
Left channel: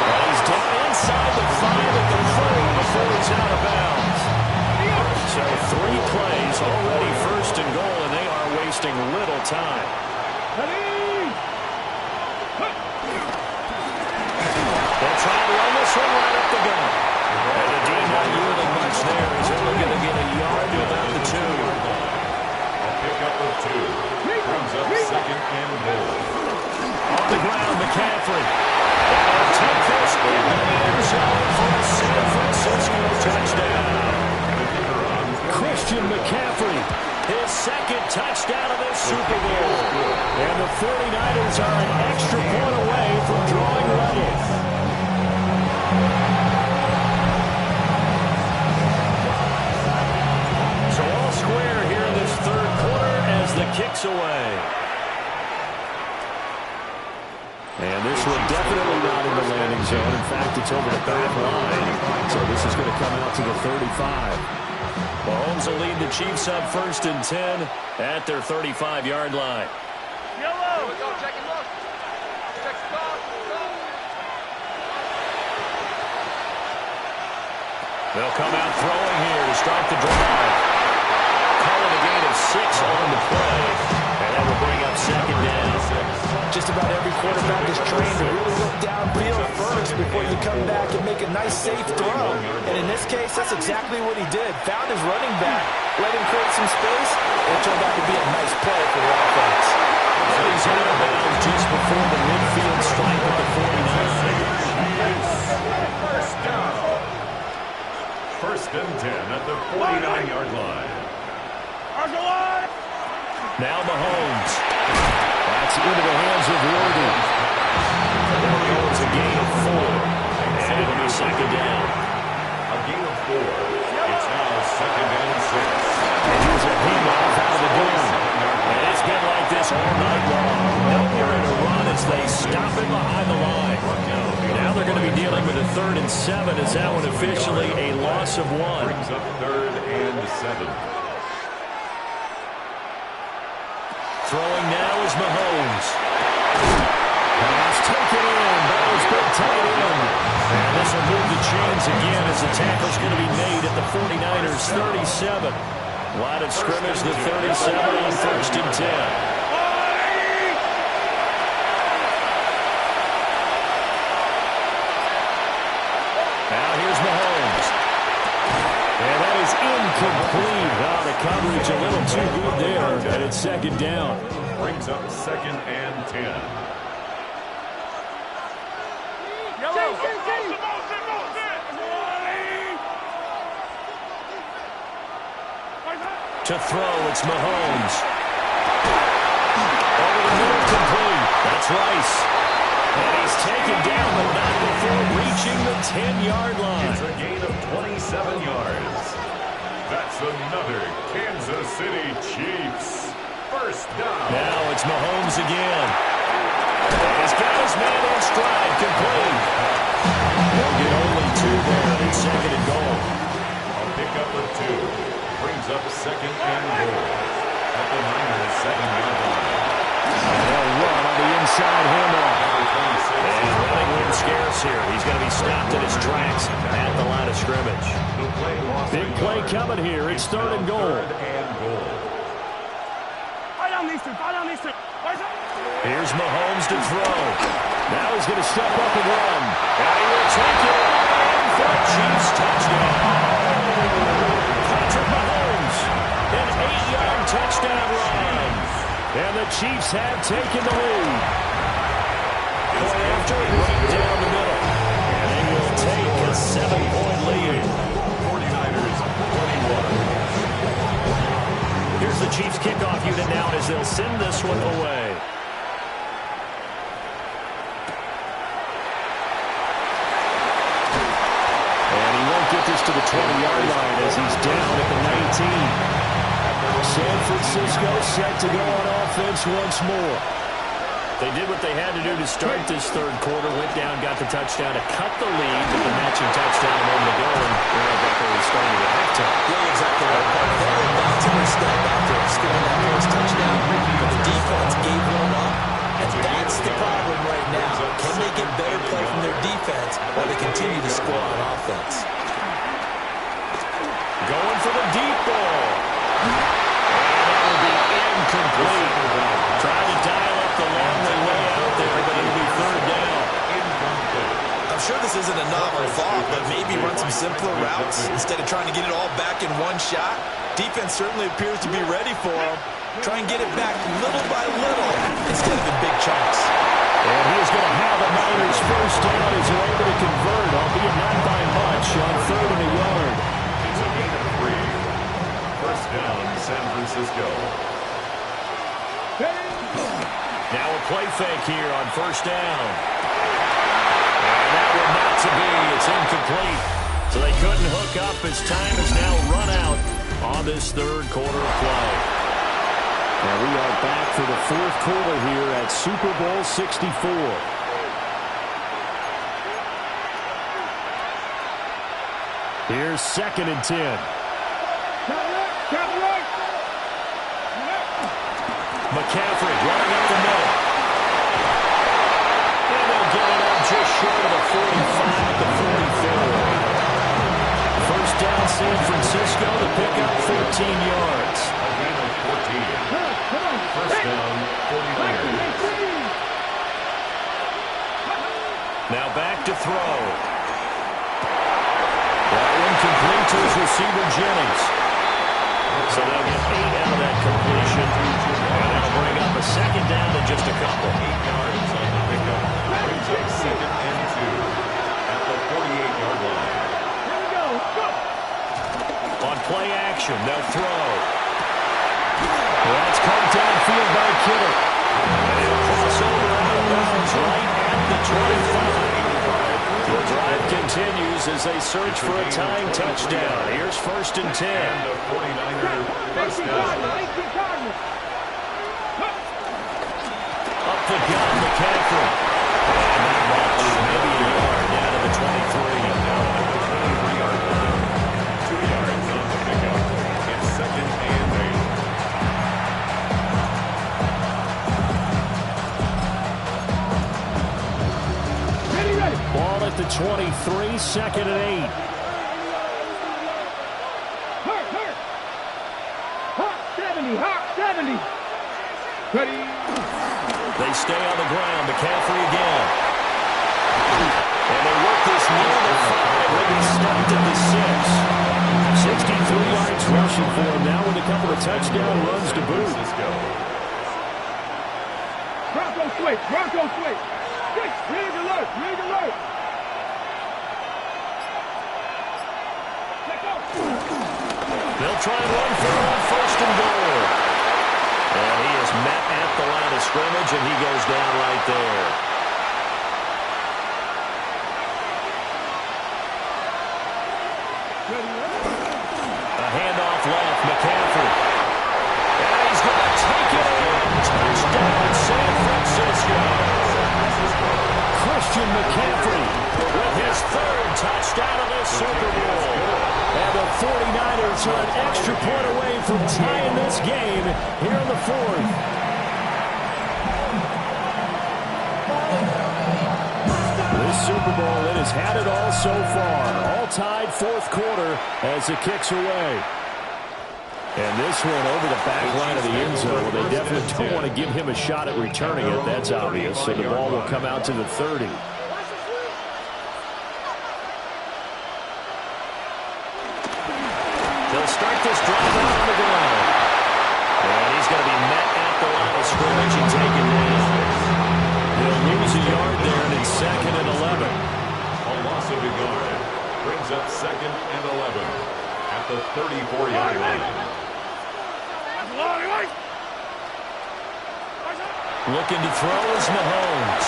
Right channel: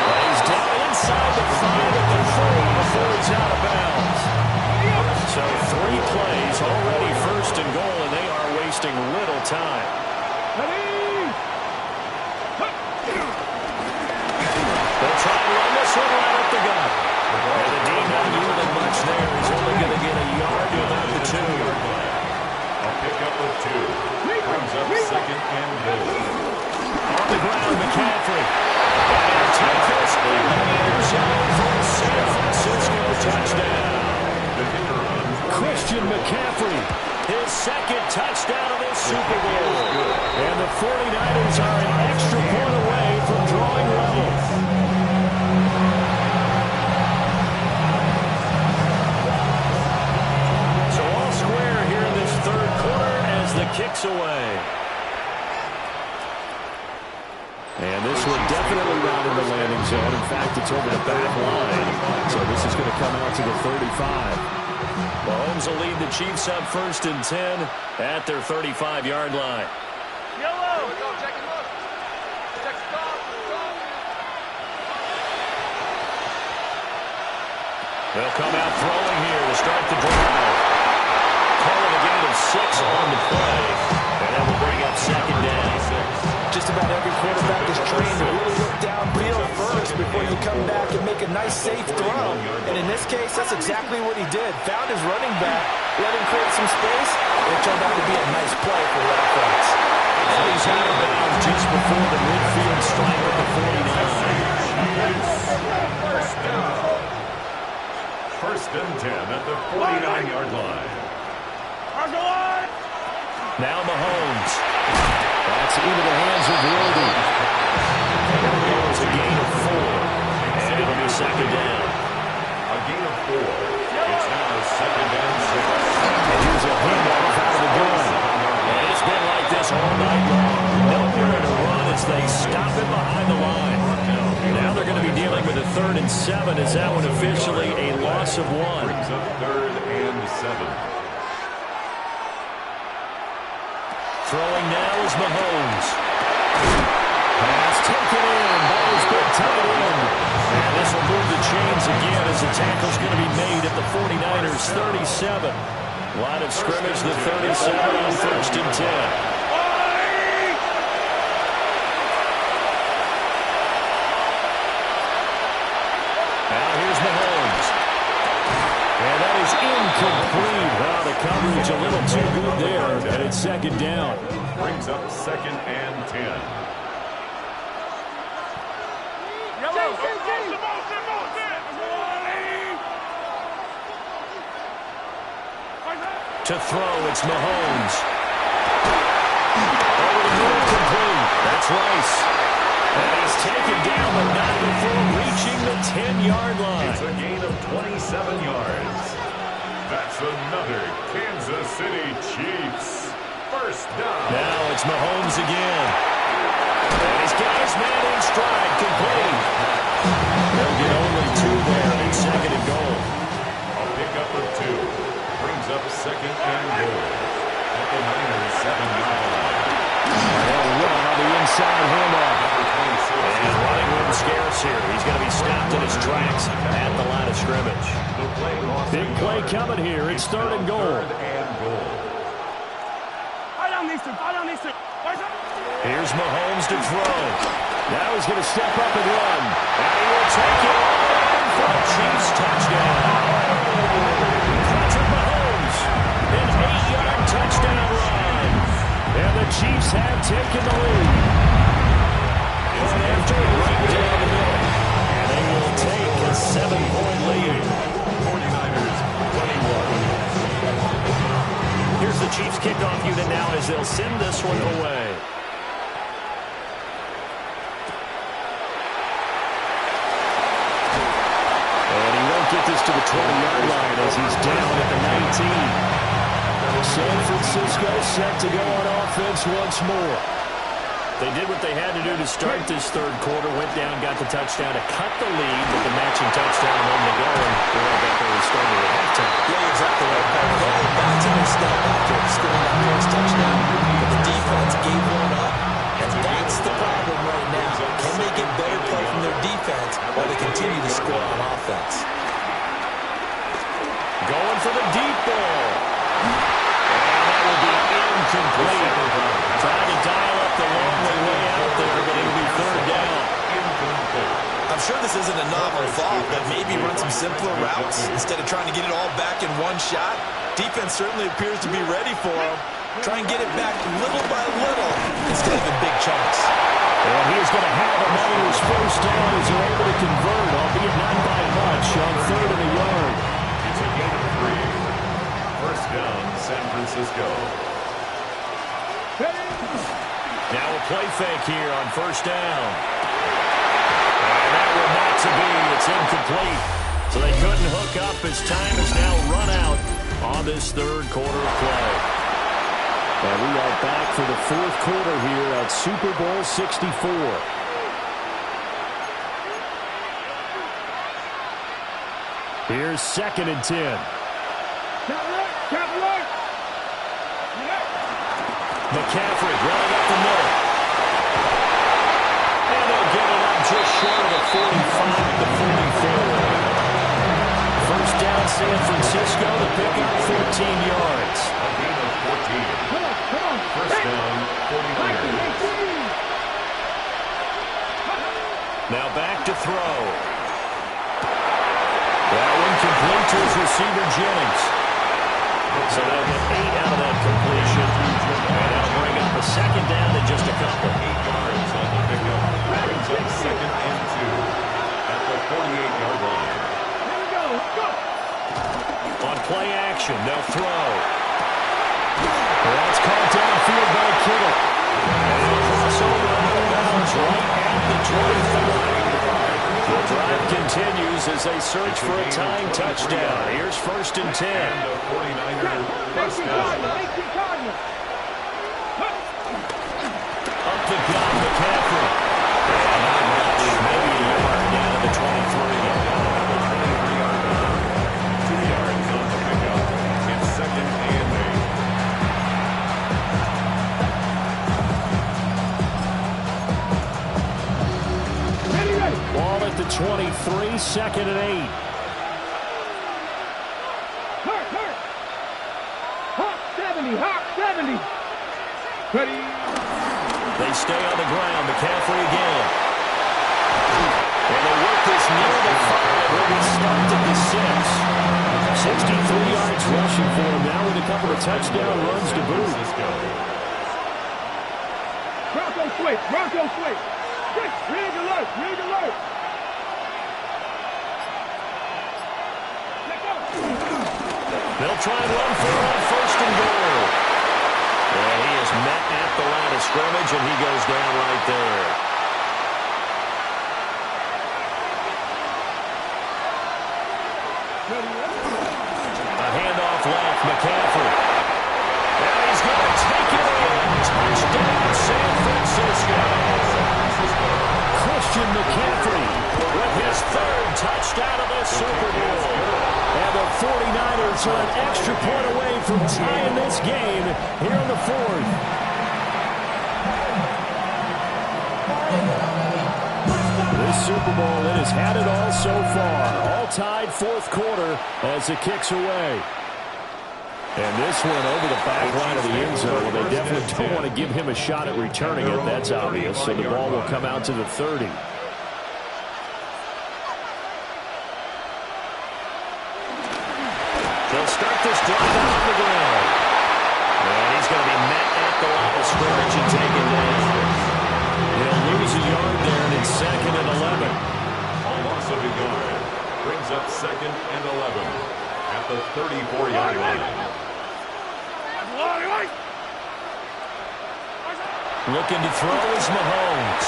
But he's down inside the 5 at the 4 before he's out of bounds. So 3 plays already 1st and goal, and they are wasting little time. They'll try and run this one right up the gut. And the D not yielding much there. He's only going to get a yard to about the 2. A pickup of 2. Brings up 2nd and goal. On the ground, McCaffrey. And he'll take this in the end zone for a San Francisco touchdown. The kicker on Christian McCaffrey, his 2nd touchdown of this Super Bowl. And the 49ers are an extra point away from drawing level. So all square here in this third quarter as the kick's away. And this one definitely not in the landing zone. In fact, it's over the back line. So this is going to come out to the 35. Mahomes will lead the Chiefs up 1st and 10 at their 35-yard line. Yellow. Here we go. Check and look. Check stop. Go. They'll come out throwing here to start the drive. Calling a gain of 6 on the play. And that will bring up 2nd down. Just about every quarterback is trained to really look downfield first before you come back and make a nice, safe throw. And in this case, that's exactly what he did. Found his running back, let him create some space, and it turned out to be a nice play for the offense. And he's out of bounds just before the midfield stripe at the 49. First down. 1st and 10 at the 49-yard line. Now Mahomes. That's into the hands of Worthy. It'll go as a gain of 4. And it'll be 2nd down. A gain of 4. It's now 2nd and 6. And here's a handoff out of the gun. And it's been like this all night long. Nowhere to run as they stop it behind the line. Now they're going to be dealing with a 3rd and 7 as that one officially a loss of 1. Brings up 3rd and 7. Throwing now is Mahomes. Pass taken in by his big tight end. And this will move the chains again as the tackle's going to be made at the 49ers 37. Line of scrimmage, the 37 on 1st and 10. Now here's Mahomes. And that is incomplete. Oh, the coverage a little too good there, and it's 2nd down. Brings up 2nd and 10. To throw, it's Mahomes. Over the middle, complete. That's Rice. And he's taken down, but not before reaching the 10-yard line. It's a gain of 27 yards. That's another Kansas City Chiefs first down. Now it's Mahomes again. And he's got his man in stride, complete. They'll get only 2 there, and it's 2nd and goal. A pickup of 2 brings up 2nd and goal at the Niners 7-yard line. And they'll run on the inside handoff. And running room scarce here. He's going to be stopped in his tracks at the line of scrimmage. Big play coming here. It's 3rd and goal. Here's Mahomes to throw. Now he's going to step up and run. And he will take it all in for a Chiefs touchdown. Patrick Mahomes, an 8-yard touchdown run. And the Chiefs have taken the lead. Point after, right down the middle. And they will take a 7-point lead. 49ers 21. Here's the Chiefs kickoff unit now as they'll send this one away. And he won't get this to the 20-yard line as he's down at the 19. San Francisco set to go on offense once more. They did what they had to do to start this 3rd quarter. Went down, got the touchdown to cut the lead with the matching touchdown a moment ago. And we're right back where we started at halftime. Yeah, exactly right. They were back to their step after scoring that first touchdown. But the defense gave one up. And that's the problem right now. Can they get better play from their defense while they continue to score on offense? Going for the deep ball. And that will be incomplete. Trying to dial up the long way out there, but it'll be 3rd down. I'm sure this isn't a novel thought, but maybe run some simpler routes instead of trying to get it all back in one shot. Defense certainly appears to be ready for them. Try and get it back little by little instead of in big chunks. And he is going to have the Niners first down as they're able to convert, albeit not by much, on 3rd and a yard. It's a gain of 3. First down, San Francisco. Now a play fake here on 1st down. And that one not to be. It's incomplete. So they couldn't hook up as time has now run out on this 3rd quarter of play. And we are back for the 4th quarter here at Super Bowl 64. Here's 2nd and 10. McCaffrey running up the middle. And they'll get it up just short of the 45 to 44. First down, San Francisco. The pickup, 14 yards. A gain of 14. First down, 49ers. Now back to throw. That one complete to his receiver, Jennings. So they'll get 8 out of that completion. And that'll bring up a 2nd down in just a couple. 8 yards on the pickup. Brings up 2nd and 2 at the 48-yard line. On play action, they'll throw. That's caught downfield by Kittle. And he'll cross over out of bounds right at the 25. The drive continues as they search for a tying touchdown. Here's 1st and 10. And a 49er first down. Up the gun, McCaffrey. And not much, maybe a yard down to the 23. Down at the 23-yard line. 2 yards on the pickup. It's 2nd and 8. Ready. 23, 2nd and 8. Hawk 70, Hawk 70. Ready. They stay on the ground. McCaffrey again. And they work this near the 5. They'll be stopped at the 6. 63 yards rushing for him now with a couple of touchdown runs to boot. Bronco switch, Bronco switch. Rig alert, rig alert. Let go. They'll try and run for it on 1st and goal. And he is met at the line of scrimmage, and he goes down right there. A handoff left, McCaffrey. And he's going to take it in. Touchdown, San Francisco. Christian McCaffrey with his 3rd touchdown of this Super Bowl. And the 49ers are an extra point away from tying this game here in the 4th. This Super Bowl, it has had it all so far. All tied 4th quarter as it kicks away. And this one over the back line of the end zone. Well, they definitely don't want to give him a shot at returning it. That's obvious. So the ball will come out to the 30. They'll start this drive out on the ground. And he's going to be met at the line of scrimmage and taken down. He'll lose a yard there, and it's 2nd and 11. A loss of a yard brings up 2nd and 11 at the 34-yard line. Looking to throw is Mahomes.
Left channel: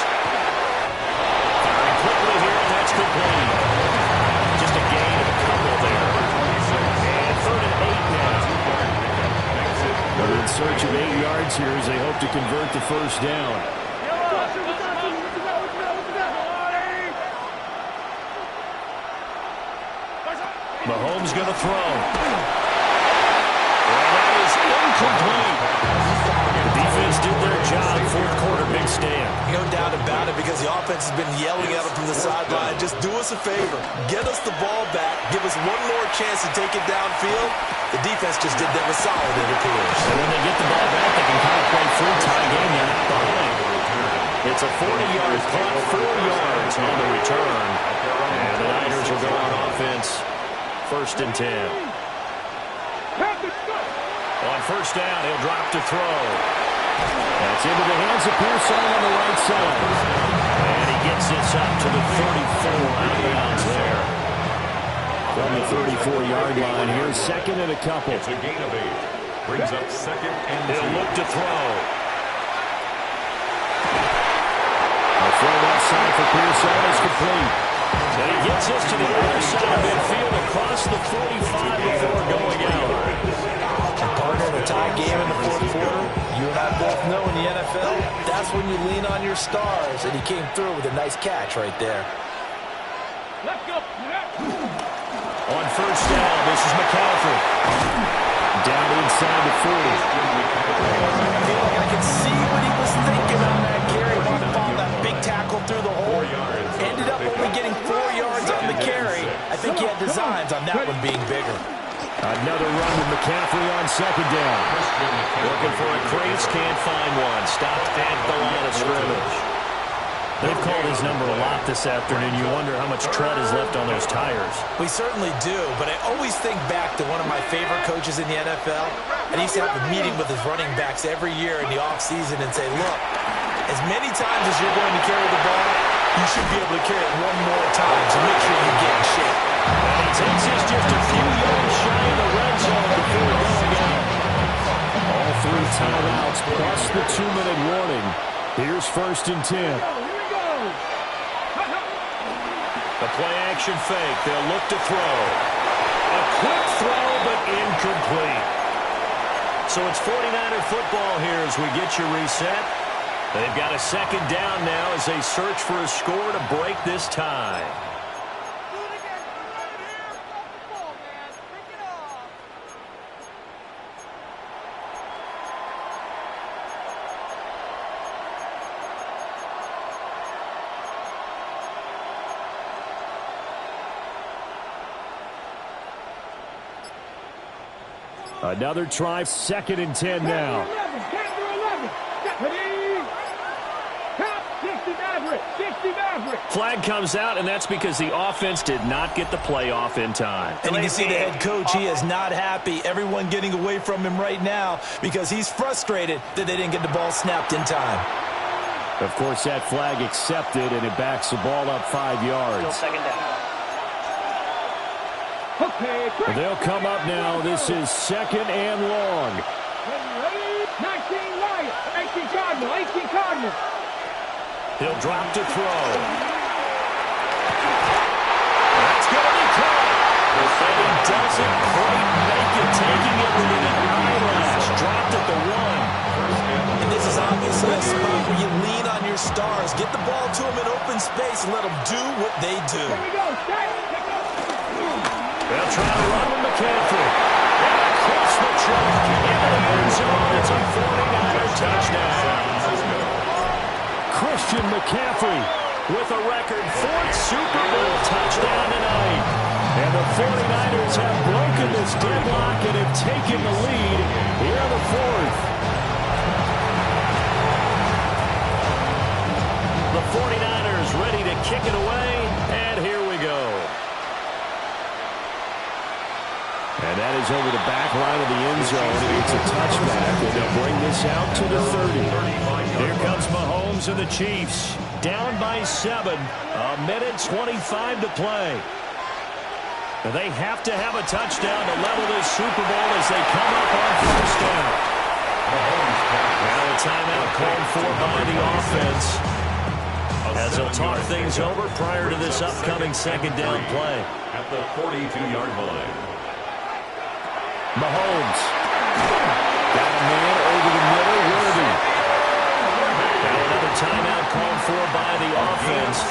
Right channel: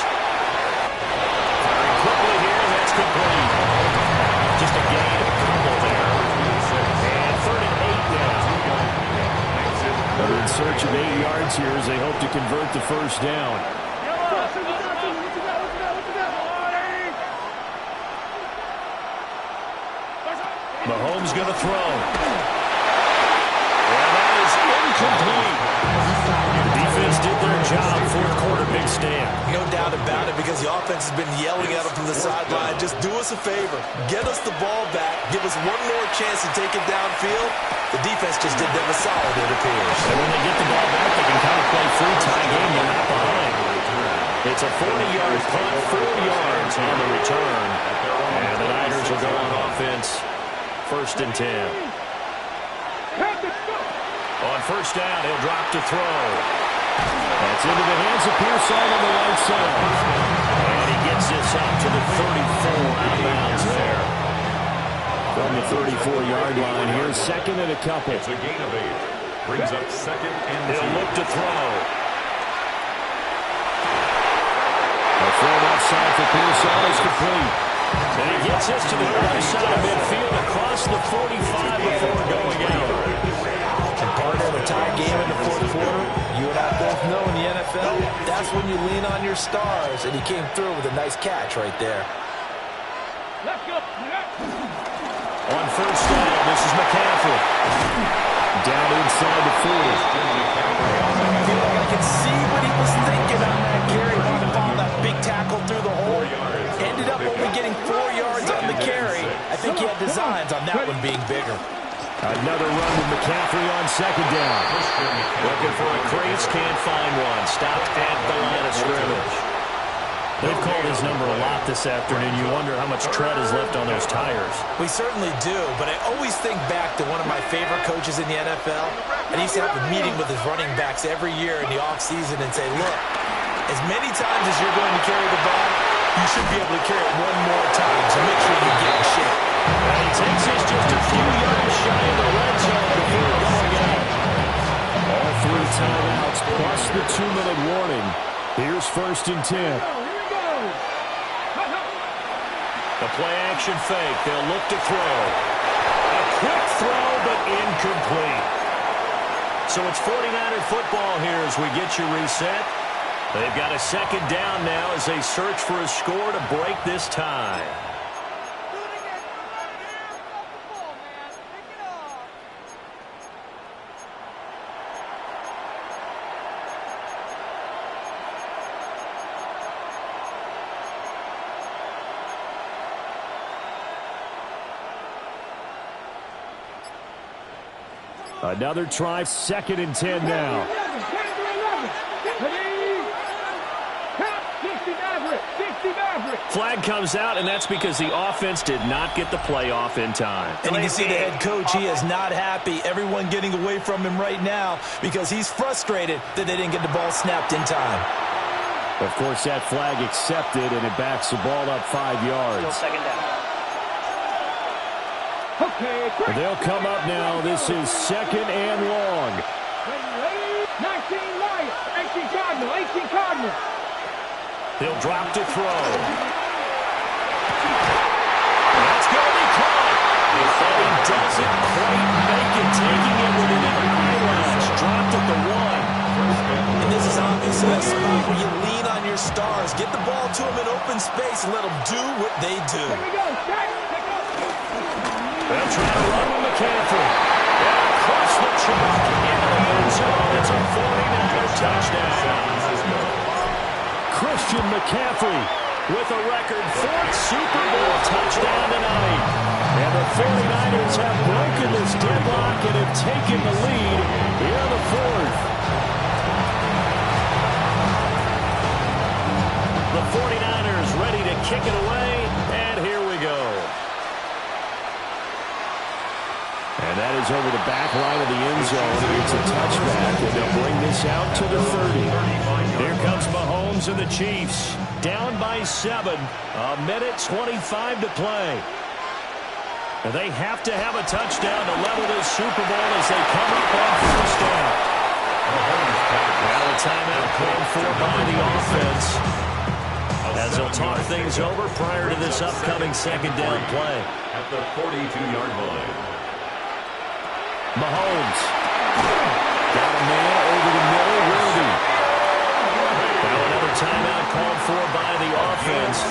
Firing quickly here, and that's complete. Just a gain of a couple there. And 3rd and 8 now. They're in search of 8 yards here as they hope to convert the first down. Mahomes going to throw. And that is incomplete. The defense did their job. 4th quarter, big stand. No doubt about it, because the offense has been yelling at them from the sideline. Just do us a favor. Get us the ball back. Give us one more chance to take it downfield. The defense just did them a solid, it appears. And when they get the ball back, they can kind of play free tie game. They're not behind. It's a 40-yard punt, 4 yards on the return. And the Niners will go on offense. 1st and 10. On 1st down, he'll drop to throw. That's into the hands of Pearson on the right side. And he gets this up to the 34 out of bounds there. From the 34-yard line here, 2nd and a couple. It's a gain of 8. Brings up 2nd and 2. He'll look to throw. A throw offside for Pearson is complete. And he gets this to the other side of midfield across the 45 before going out. And partner, in a tie game in the 4th quarter, you and I both know in the NFL, that's when you lean on your stars. And he came through with a nice catch right there. Let's go. On 1st down, this is McCaffrey. Down inside the 40. I feel like I can see what he was thinking on that carry. Wanted to follow that big tackle through the hole. Ended up only getting 4 yards on the carry. I think he had designs on that one being bigger. Another run with McCaffrey on 2nd down. Looking for a crease, can't find one. Stopped at the line of scrimmage. They've called his number a lot this afternoon. You wonder how much tread is left on those tires. We certainly do, but I always think back to one of my favorite coaches in the NFL, and he used to have a meeting with his running backs every year in the offseason and say, look, as many times as you're going to carry the ball, you should be able to carry it one more time, so make sure you get in shape. And he takes this just a few yards shy of the red zone before going out. All 3 timeouts plus the 2-minute warning. Here's 1st and 10. The play-action fake. They'll look to throw. A quick throw, but incomplete. So it's 49er football here as we get you reset. They've got a 2nd down now as they search for a score to break this tie. Another try, 2nd and 10 now. Flag comes out, and that's because the offense did not get the play off in time. And you can see the head coach, he is not happy. Everyone getting away from him right now because he's frustrated that they didn't get the ball snapped in time. Of course, that flag accepted, and it backs the ball up 5 yards. Still 2nd down. They'll come up now. This is 2nd and long. 19 Lions, 18 Cardinal, 18 Cardinal. He'll drop to throw. That's going to be caught. And he doesn't quite make it, taking it within an eyelash. Dropped at the 1. And this is obviously a spot where you lean on your stars. Get the ball to them in open space and let them do what they do. Here we go. They'll try to run with McCaffrey. And across the chalk into the end zone. It's a 49er touchdown. Christian McCaffrey with a record 4th Super Bowl touchdown tonight. And the 49ers have broken this deadlock and have taken the lead here in the 4th. The 49ers ready to kick it away, and here we go. And that is over the back line of the end zone. It's a touchback, and they'll bring this out to the 30. Here comes Mahomes and the Chiefs. Down by 7. 1:25 to play. Now they have to have a touchdown to level this Super Bowl as they come up on 1st down. Now a timeout called for by the offense, as they'll talk things over prior to this upcoming 2nd down play. At the 42-yard line. Mahomes. Got a man over the middle, Worthy. Now another timeout called for by the offense,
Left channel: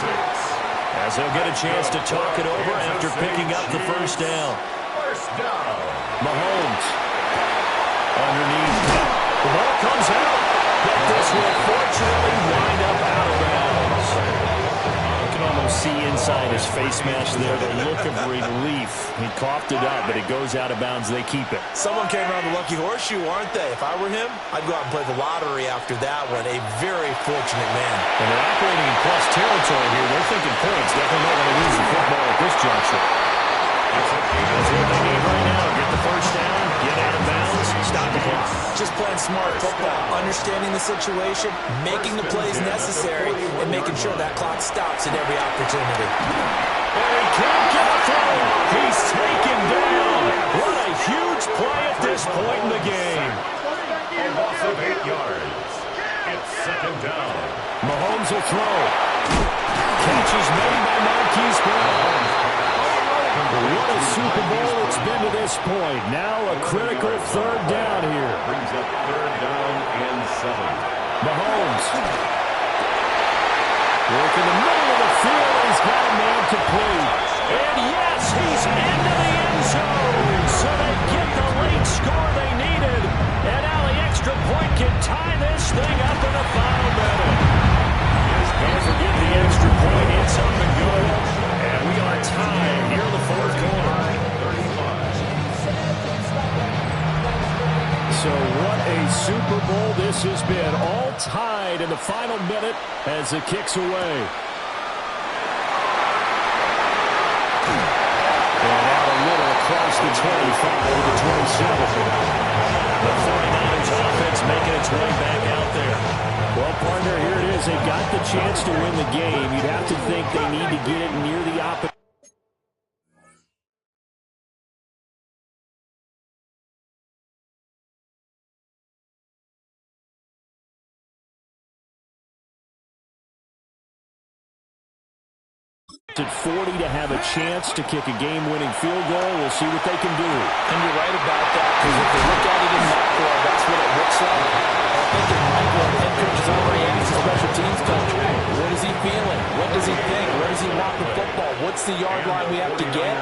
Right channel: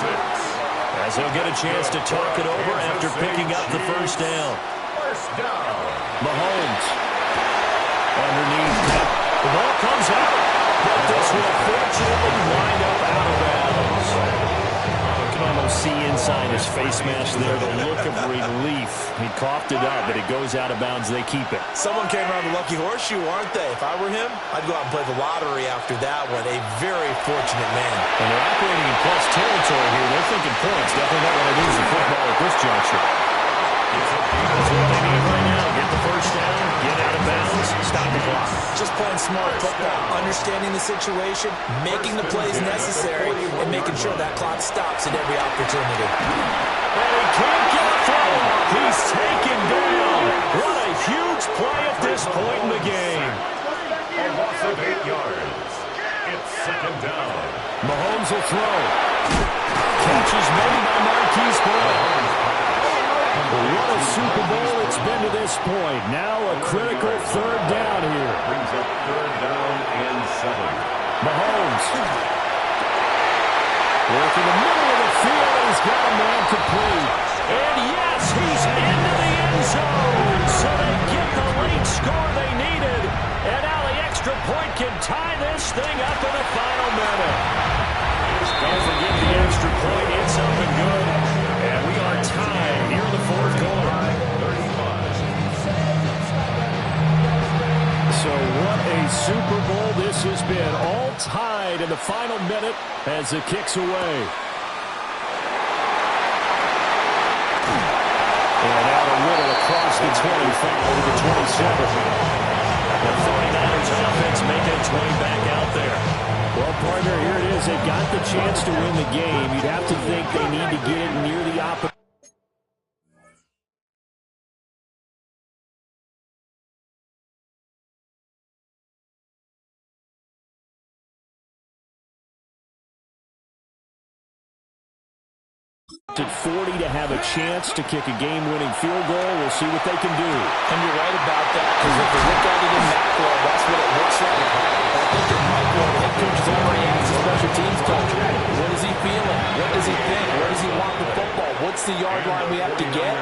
as they'll get a chance to talk it over after picking up the 1st down. Mahomes. Underneath. The ball comes out, but this will fortunately wind up out of bounds. You can almost see inside his face mask there the look of relief. He coughed it up, but it goes out of bounds. They keep it. Someone came around the lucky horseshoe, aren't they? If I were him, I'd go out and play the lottery after that one. A very fortunate man. And they're operating in plus territory here. They're thinking points. Definitely don't want to lose the football at this juncture. That's what they need right now. Get the 1st down, get out of bounds, stop the clock. Just playing smart football, understanding the situation, making the plays necessary, and making sure that clock stops at every opportunity. And he can't get a throw off. He's taken down. What a huge play at this point in the game. A loss of 8 yards. It's 2nd down. Mahomes will throw. Catch is made by Marquise Brown. What a Super Bowl it's been to this point. Now a critical 3rd down here. Brings up 3rd down and 7. Mahomes. Work in the middle of the field. He's got a man complete. And yes, he's into the end zone. So they get the late score they needed. And now the extra point can tie this thing up in the final minute. Don't forget the extra point. It's up and good. And we are tied here in the 4th quarter. 35. So what a Super Bowl this has been. All tied in the final minute as it kicks away. And out a little across the 25 to the 27. The 49ers offense making its way back out there. Well, partner, here it is. They've got the chance to win the game. You'd have to think they need to get it near the opposite. At 40 to have a chance to kick a game-winning field goal. We'll see what they can do. And you're right about that, because if they look at it in macro, that's what it looks like. And I think in micro, the head coach has already asked the special teams coach, what is he feeling? What does he think? Where does he want the football? What's the yard line we have to get?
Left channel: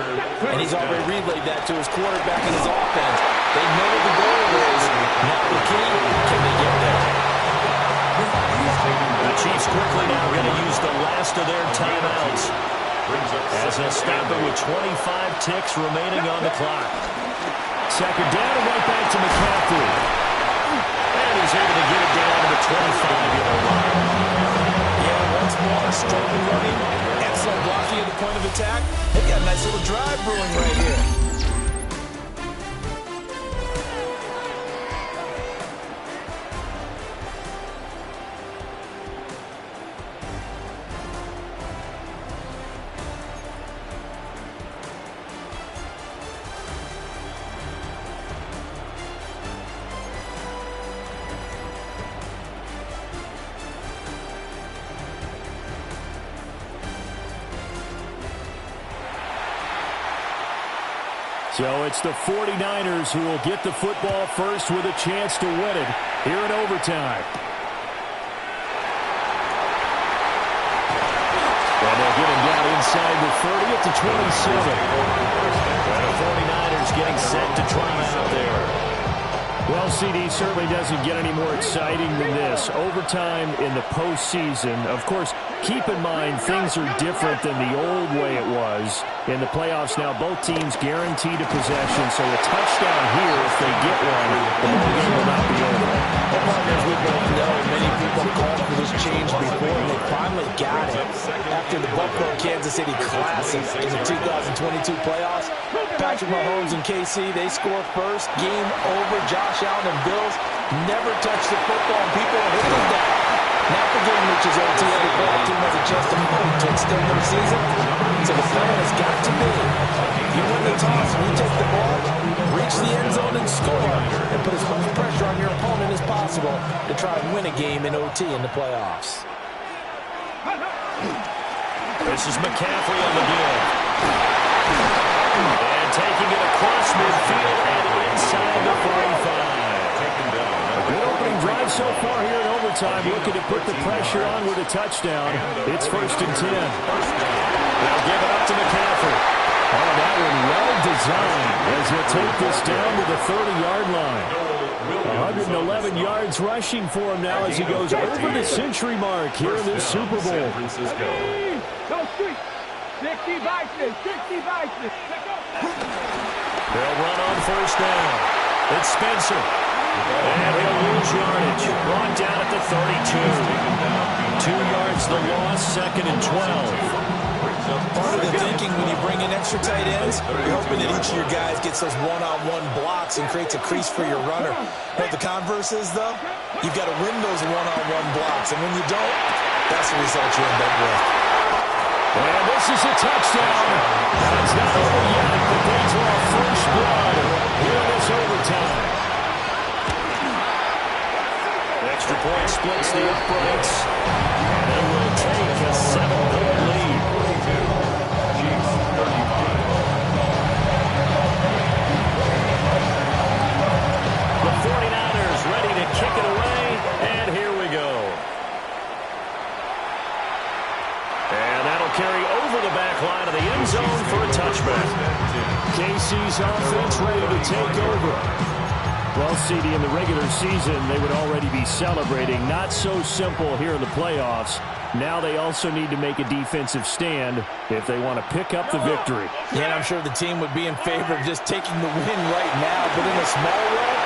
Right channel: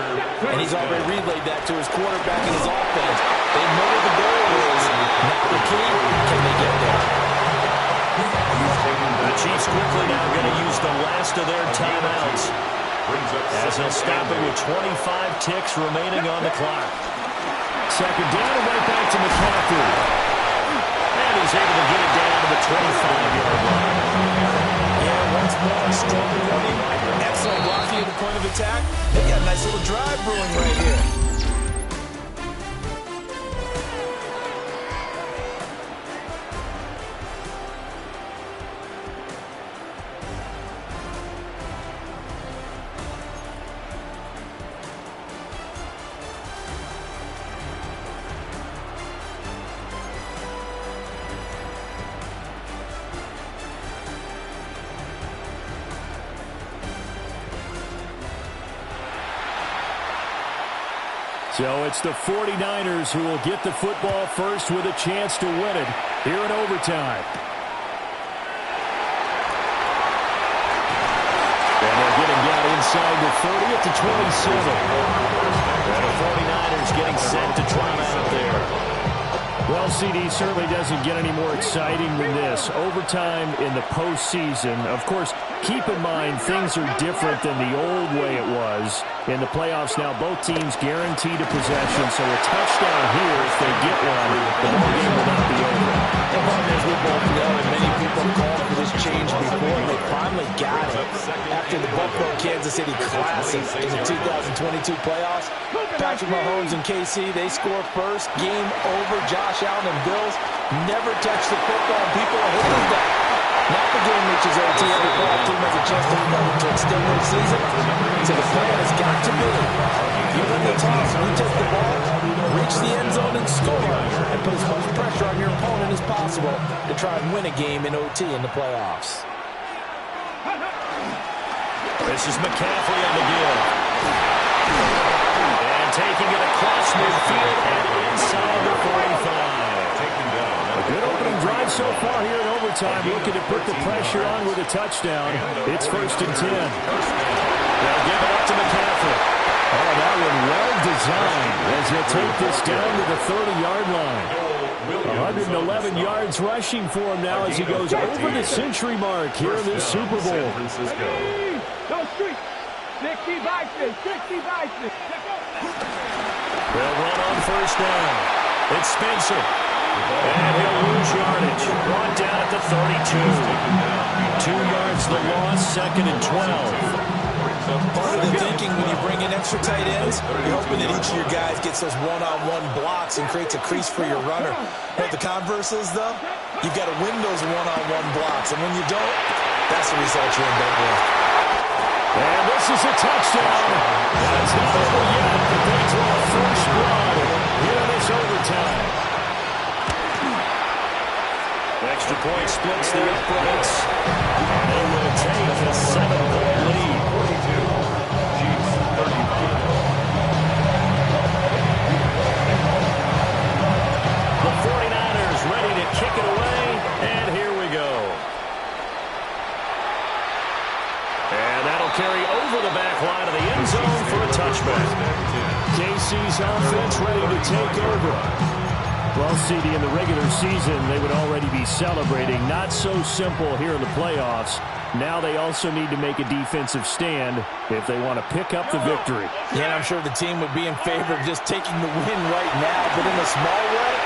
And he's already relayed that to his quarterback and his offense. They know what the goal is. Now the key, can they get there? The Chiefs quickly now going to use the last of their timeouts, as they'll stop it with 25 ticks remaining on the clock. Second down and right back to McCaffrey. And he's able to get it down to the 25-yard line. Yeah, once more, strong running, excellent blocking at the point of attack. They got a nice little drive brewing right here. So it's the 49ers who will get the football first with a chance to win it here in overtime. And they'll get him down inside the 30 at the 27. And the 49ers getting set to try him out there. Well, CD, certainly doesn't get any more exciting than this. Overtime in the postseason. Of course, keep in mind things are different than the old way it was. In the playoffs now, both teams guaranteed a possession, so a touchdown here, if they get one, the ball game will not be over. And partners, we both know many people called for this change before, and they finally got it after the Buffalo-Kansas City Classic in the 2022 playoffs. Patrick Mahomes and KC, they score first. Game over. Josh Allen and Bills never touch the football, and people are hitting that. Now the game reaches OT, every playoff team has a chance to fight to extend their season. So the plan has got to be, you win the toss, and you take the ball, reach the end zone and score, and put as much pressure on your opponent as possible to try and win a game in OT in the playoffs. This is McCaffrey on the give. And taking it across midfield and inside the 45. A good opening drive so far here in overtime, looking to put the pressure on with a touchdown. It's 1st and 10. They'll give it up to McCaffrey. Oh, that one well designed as he'll take this down to the 30-yard line. 111 yards rushing for him now as he goes over the century mark here in this Super Bowl. They'll run on 1st down. It's Spencer. And he'll lose yardage. Brought down at the 32. 2 yards the loss, 2nd and 12. Part of the thinking when you bring in extra tight ends, you're hoping that each of your guys gets those one-on-one blocks and creates a crease for your runner. But the converse is, though, you've got to win those one-on-one blocks. And when you don't, that's the result you end up with. And this is a touchdown. That's not over yet, but they draw first blood here in this overtime. Extra point splits the uprights, and they will take a 7-point lead. 42, Chiefs 35. The 49ers ready to kick it away, and here we go. And that'll carry over the back line of the end zone for a touchback. KC's offense ready to take over. Well, CD, in the regular season, they would already be celebrating. Not so simple here in the playoffs. Now they also need to make a defensive stand if they want to pick up the victory. Yeah, I'm sure the team would be in favor of just taking the win right now, but in a small way,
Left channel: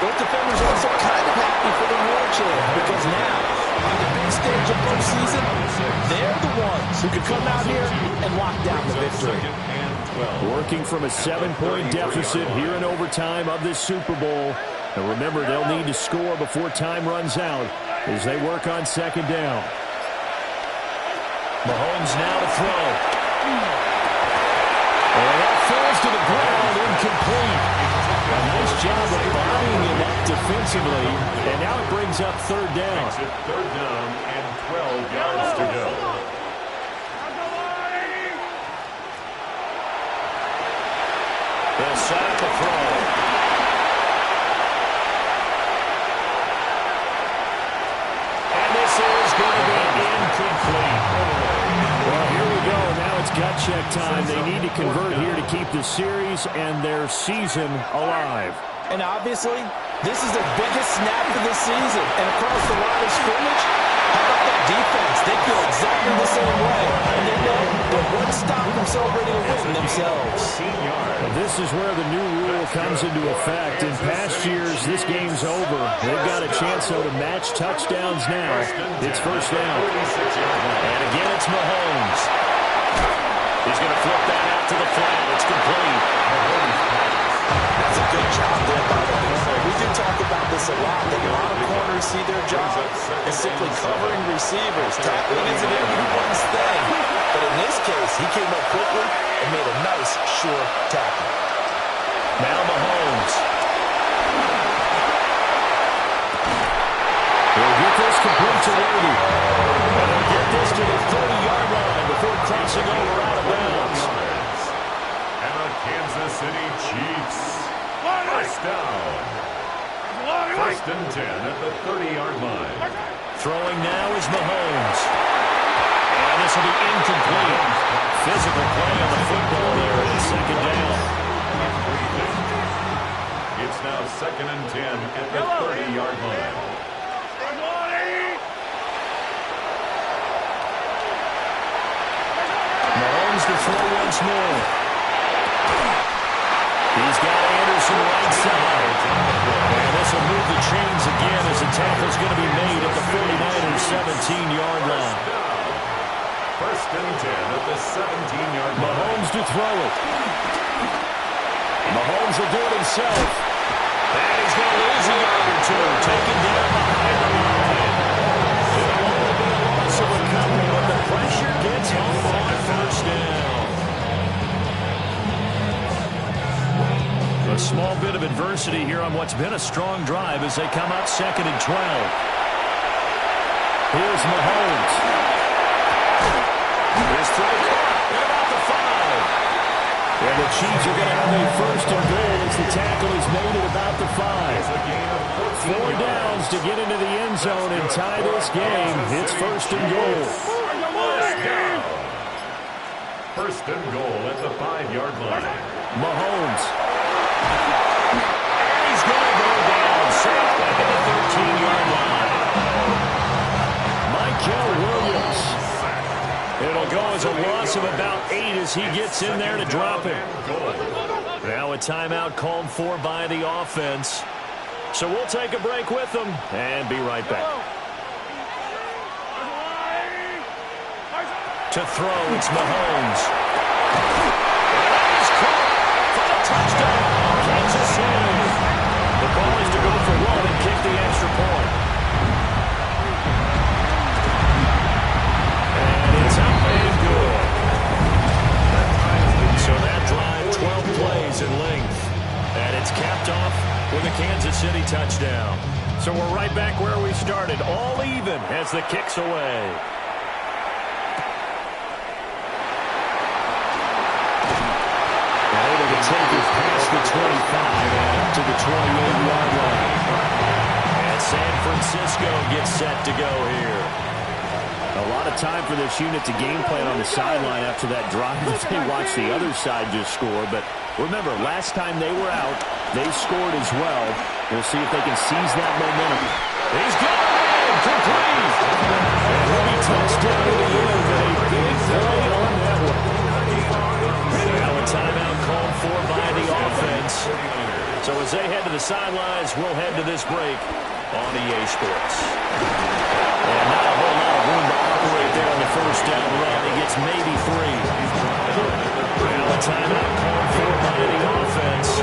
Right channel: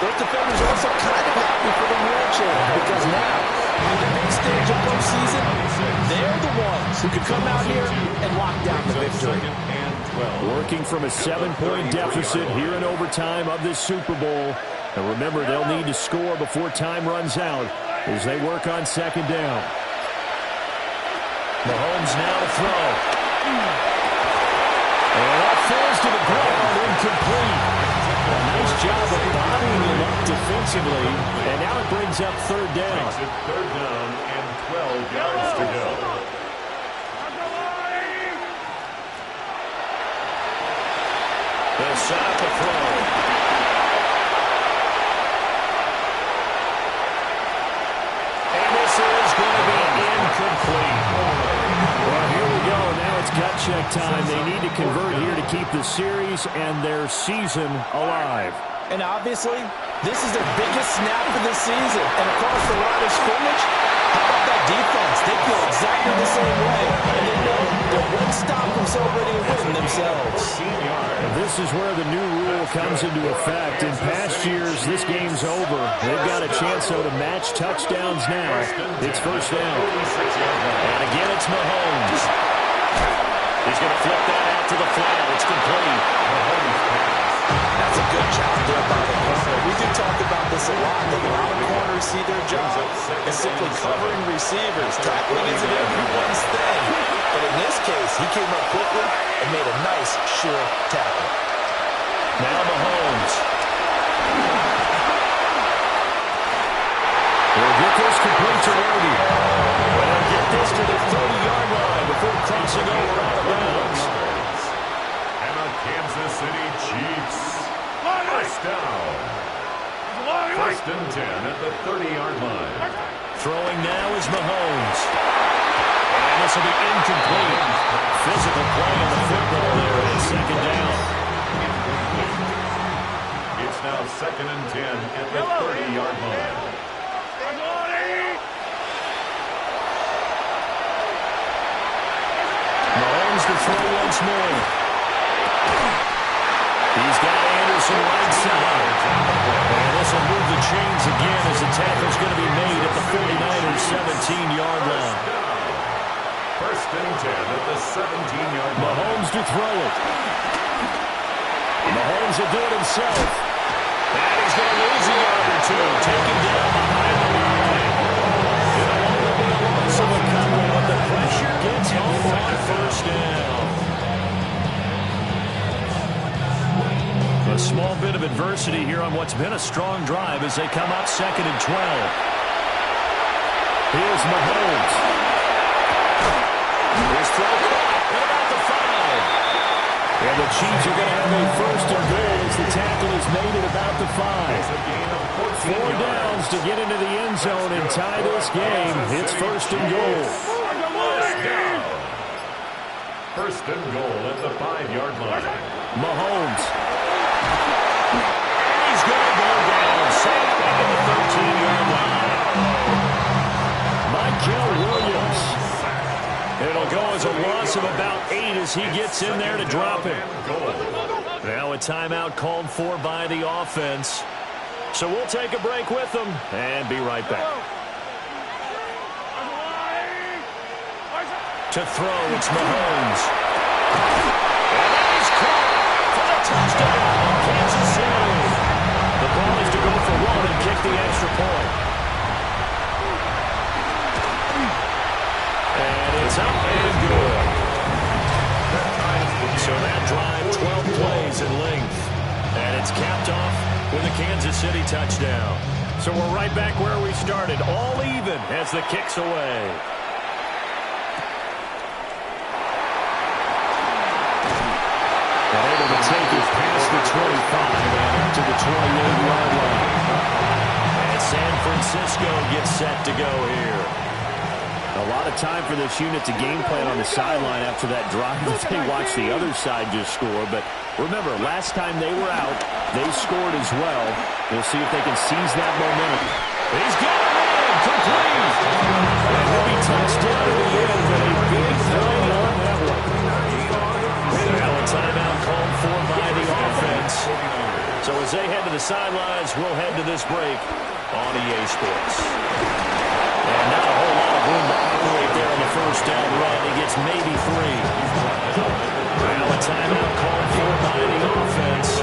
those defenders are also kind of happy for the war chant, because now, on the big stage of postseason, they're the ones who can come out here and lock down the victory. Working from a 7-point deficit here in overtime of this Super Bowl. And remember, they'll need to score before time runs out as they work on 2nd down. Mahomes now to throw. And that falls to the ground, incomplete. A nice job of bodying him up defensively, and now it brings up 3rd down. Makes it 3rd down and 12 yards to go. They'll set up a throw. And this is going to be incomplete. Well, here we go. Now it's gut check time. They need to convert here to keep the series and their season alive. And obviously, This is their biggest snap of the season. And across the line of scrimmage, how about that defense? They feel exactly the same way. And they know they're one stop from celebrating a win themselves. This is where the new rule comes into effect. In past years, this game's over. They've got a chance, though, to match touchdowns now. It's first down. And again, it's Mahomes. He's going to flip that out to the flat. It's complete. That's a good job there by the corner. We do talk about this a lot. That a lot of corners see their job as simply covering receivers. Tackling isn't everyone's thing. But in this case, he came up quickly and made a nice, sure tackle. Now Mahomes. He'll get this complete to Worthy. And he'll get this to the 30-yard line before crossing over out of bounds. And the Kansas City Chiefs. First down. First and 10 at the 30-yard line. Throwing now is Mahomes. And this will be incomplete. Physical play on the football there, and second down. It's now second and 10 at the 30-yard line. Mahomes to throw once more. He's got Anderson right side. And this will move the chains again as the tackle's going to be made at the 49ers' 17-yard line. First and 10 at the 17-yard line. Mahomes to throw it. Mahomes will do it himself. And he's going to lose a yard or two. Taken down behind the line. It'll only be a loss of a couple, but the pressure gets home on first down. A small bit of adversity here on what's been a strong drive as they come up second and 12. Here's Mahomes. His throw caught at about the 5. And the Chiefs are going to have a first and goal as the tackle is made at about the 5. 4 downs to get into the end zone and tie this game. It's first and goal. First and goal at the 5-yard line. Mahomes. And he's going to go down. Safe back at the 13-yard line. Michael Williams. It'll go as a loss of about 8 as he gets in there to drop him. Now a timeout called for by the offense. So we'll take a break with them and be right back. To throw, it's Mahomes. And then he's caught for the touchdown, Kansas City. The call is to go for 1 and kick the extra point. And it's up and good. So that drive, 12 plays in length. And it's capped off with a Kansas City touchdown. So we're right back where we started, all even as the kick's away. And able to take it past the 25 and up to the 28-yard line. And San Francisco gets set to go here. A lot of time for this unit to game plan on the sideline after that drive that they watched the other side just score. But remember, last time they were out, they scored as well. We'll see if they can seize that momentum. He's got him in, complete. And he'll be touched down to the end, but a big play on that one. Now a timeout called for by the offense. So as they head to the sidelines, we'll head to this break on EA Sports. And not a whole lot of room to operate there on the first down run. He gets maybe 3. Now a timeout called for by the offense.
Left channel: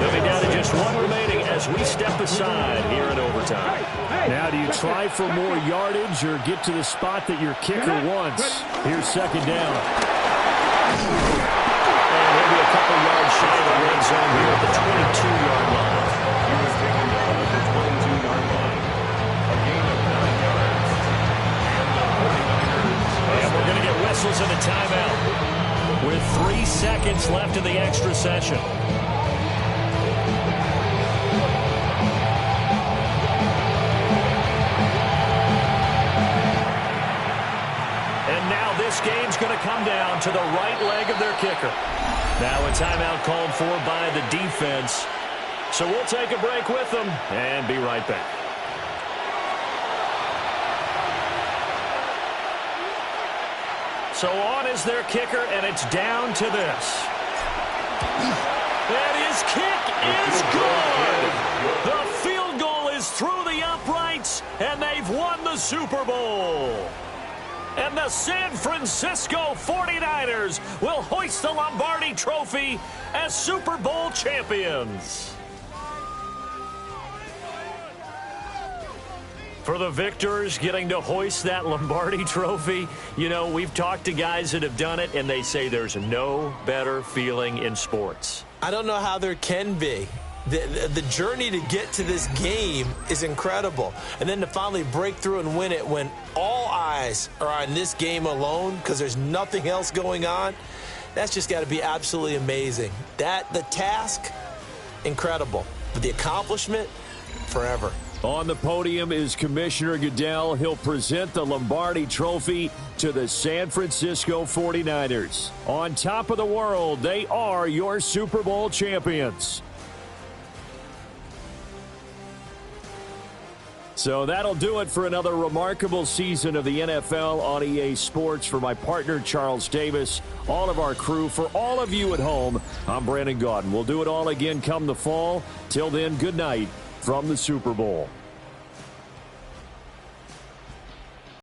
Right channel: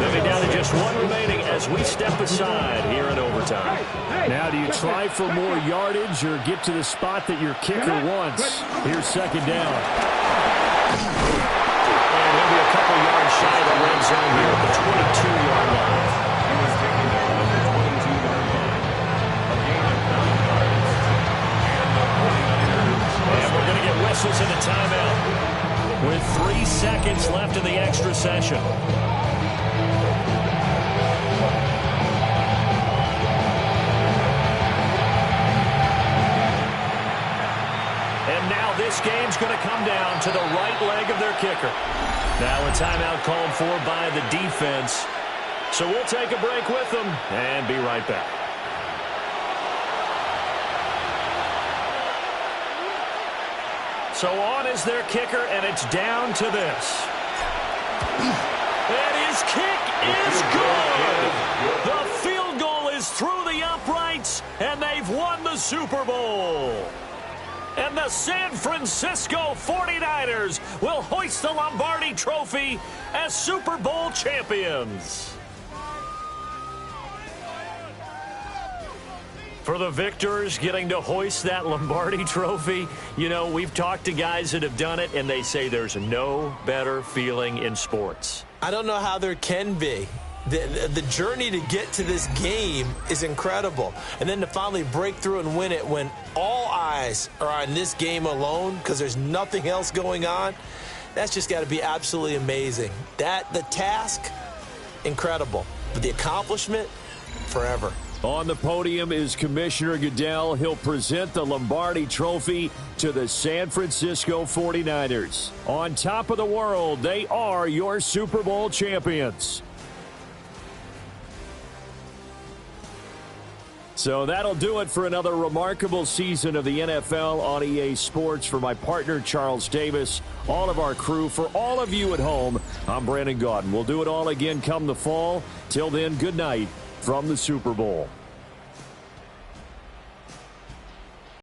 They'll be down to just 1 remaining as we step aside here in overtime. Now do you try for more yardage or get to the spot that your kicker wants? Here's second down. And he'll be a couple yards shy of the red zone here at the 22-yard line. He was taken down at the 22-yard line. A gain of 9 yards. And the 49ers. And we're going to get whistles and a timeout with 3 seconds left in the extra session. And now this game's going to come down to the right leg of their kicker. Now a timeout called for by the defense. So we'll take a break with them and be right back. So on is their kicker, and it's down to this. And his kick is good. The field goal is through the uprights, and they've won the Super Bowl. And the San Francisco 49ers will hoist the Lombardi Trophy as Super Bowl champions. For the victors getting to hoist that Lombardi Trophy, you know, we've talked to guys that have done it, and they say there's no better feeling in sports. I don't know how there can be. The journey to get to this game is incredible. And then to finally break through and win it when all eyes are on this game alone because there's nothing else going on, that's just got to be absolutely amazing. The task, incredible. But the accomplishment, forever. On the podium is Commissioner Goodell. He'll present the Lombardi Trophy to the San Francisco 49ers. On top of the world, they are your Super Bowl champions. So that'll do it for another remarkable season of the NFL on EA Sports. For my partner, Charles Davis, all of our crew, for all of you at home, I'm Brandon Gaudin. We'll do it all again come the fall. Till then, good night from the Super Bowl.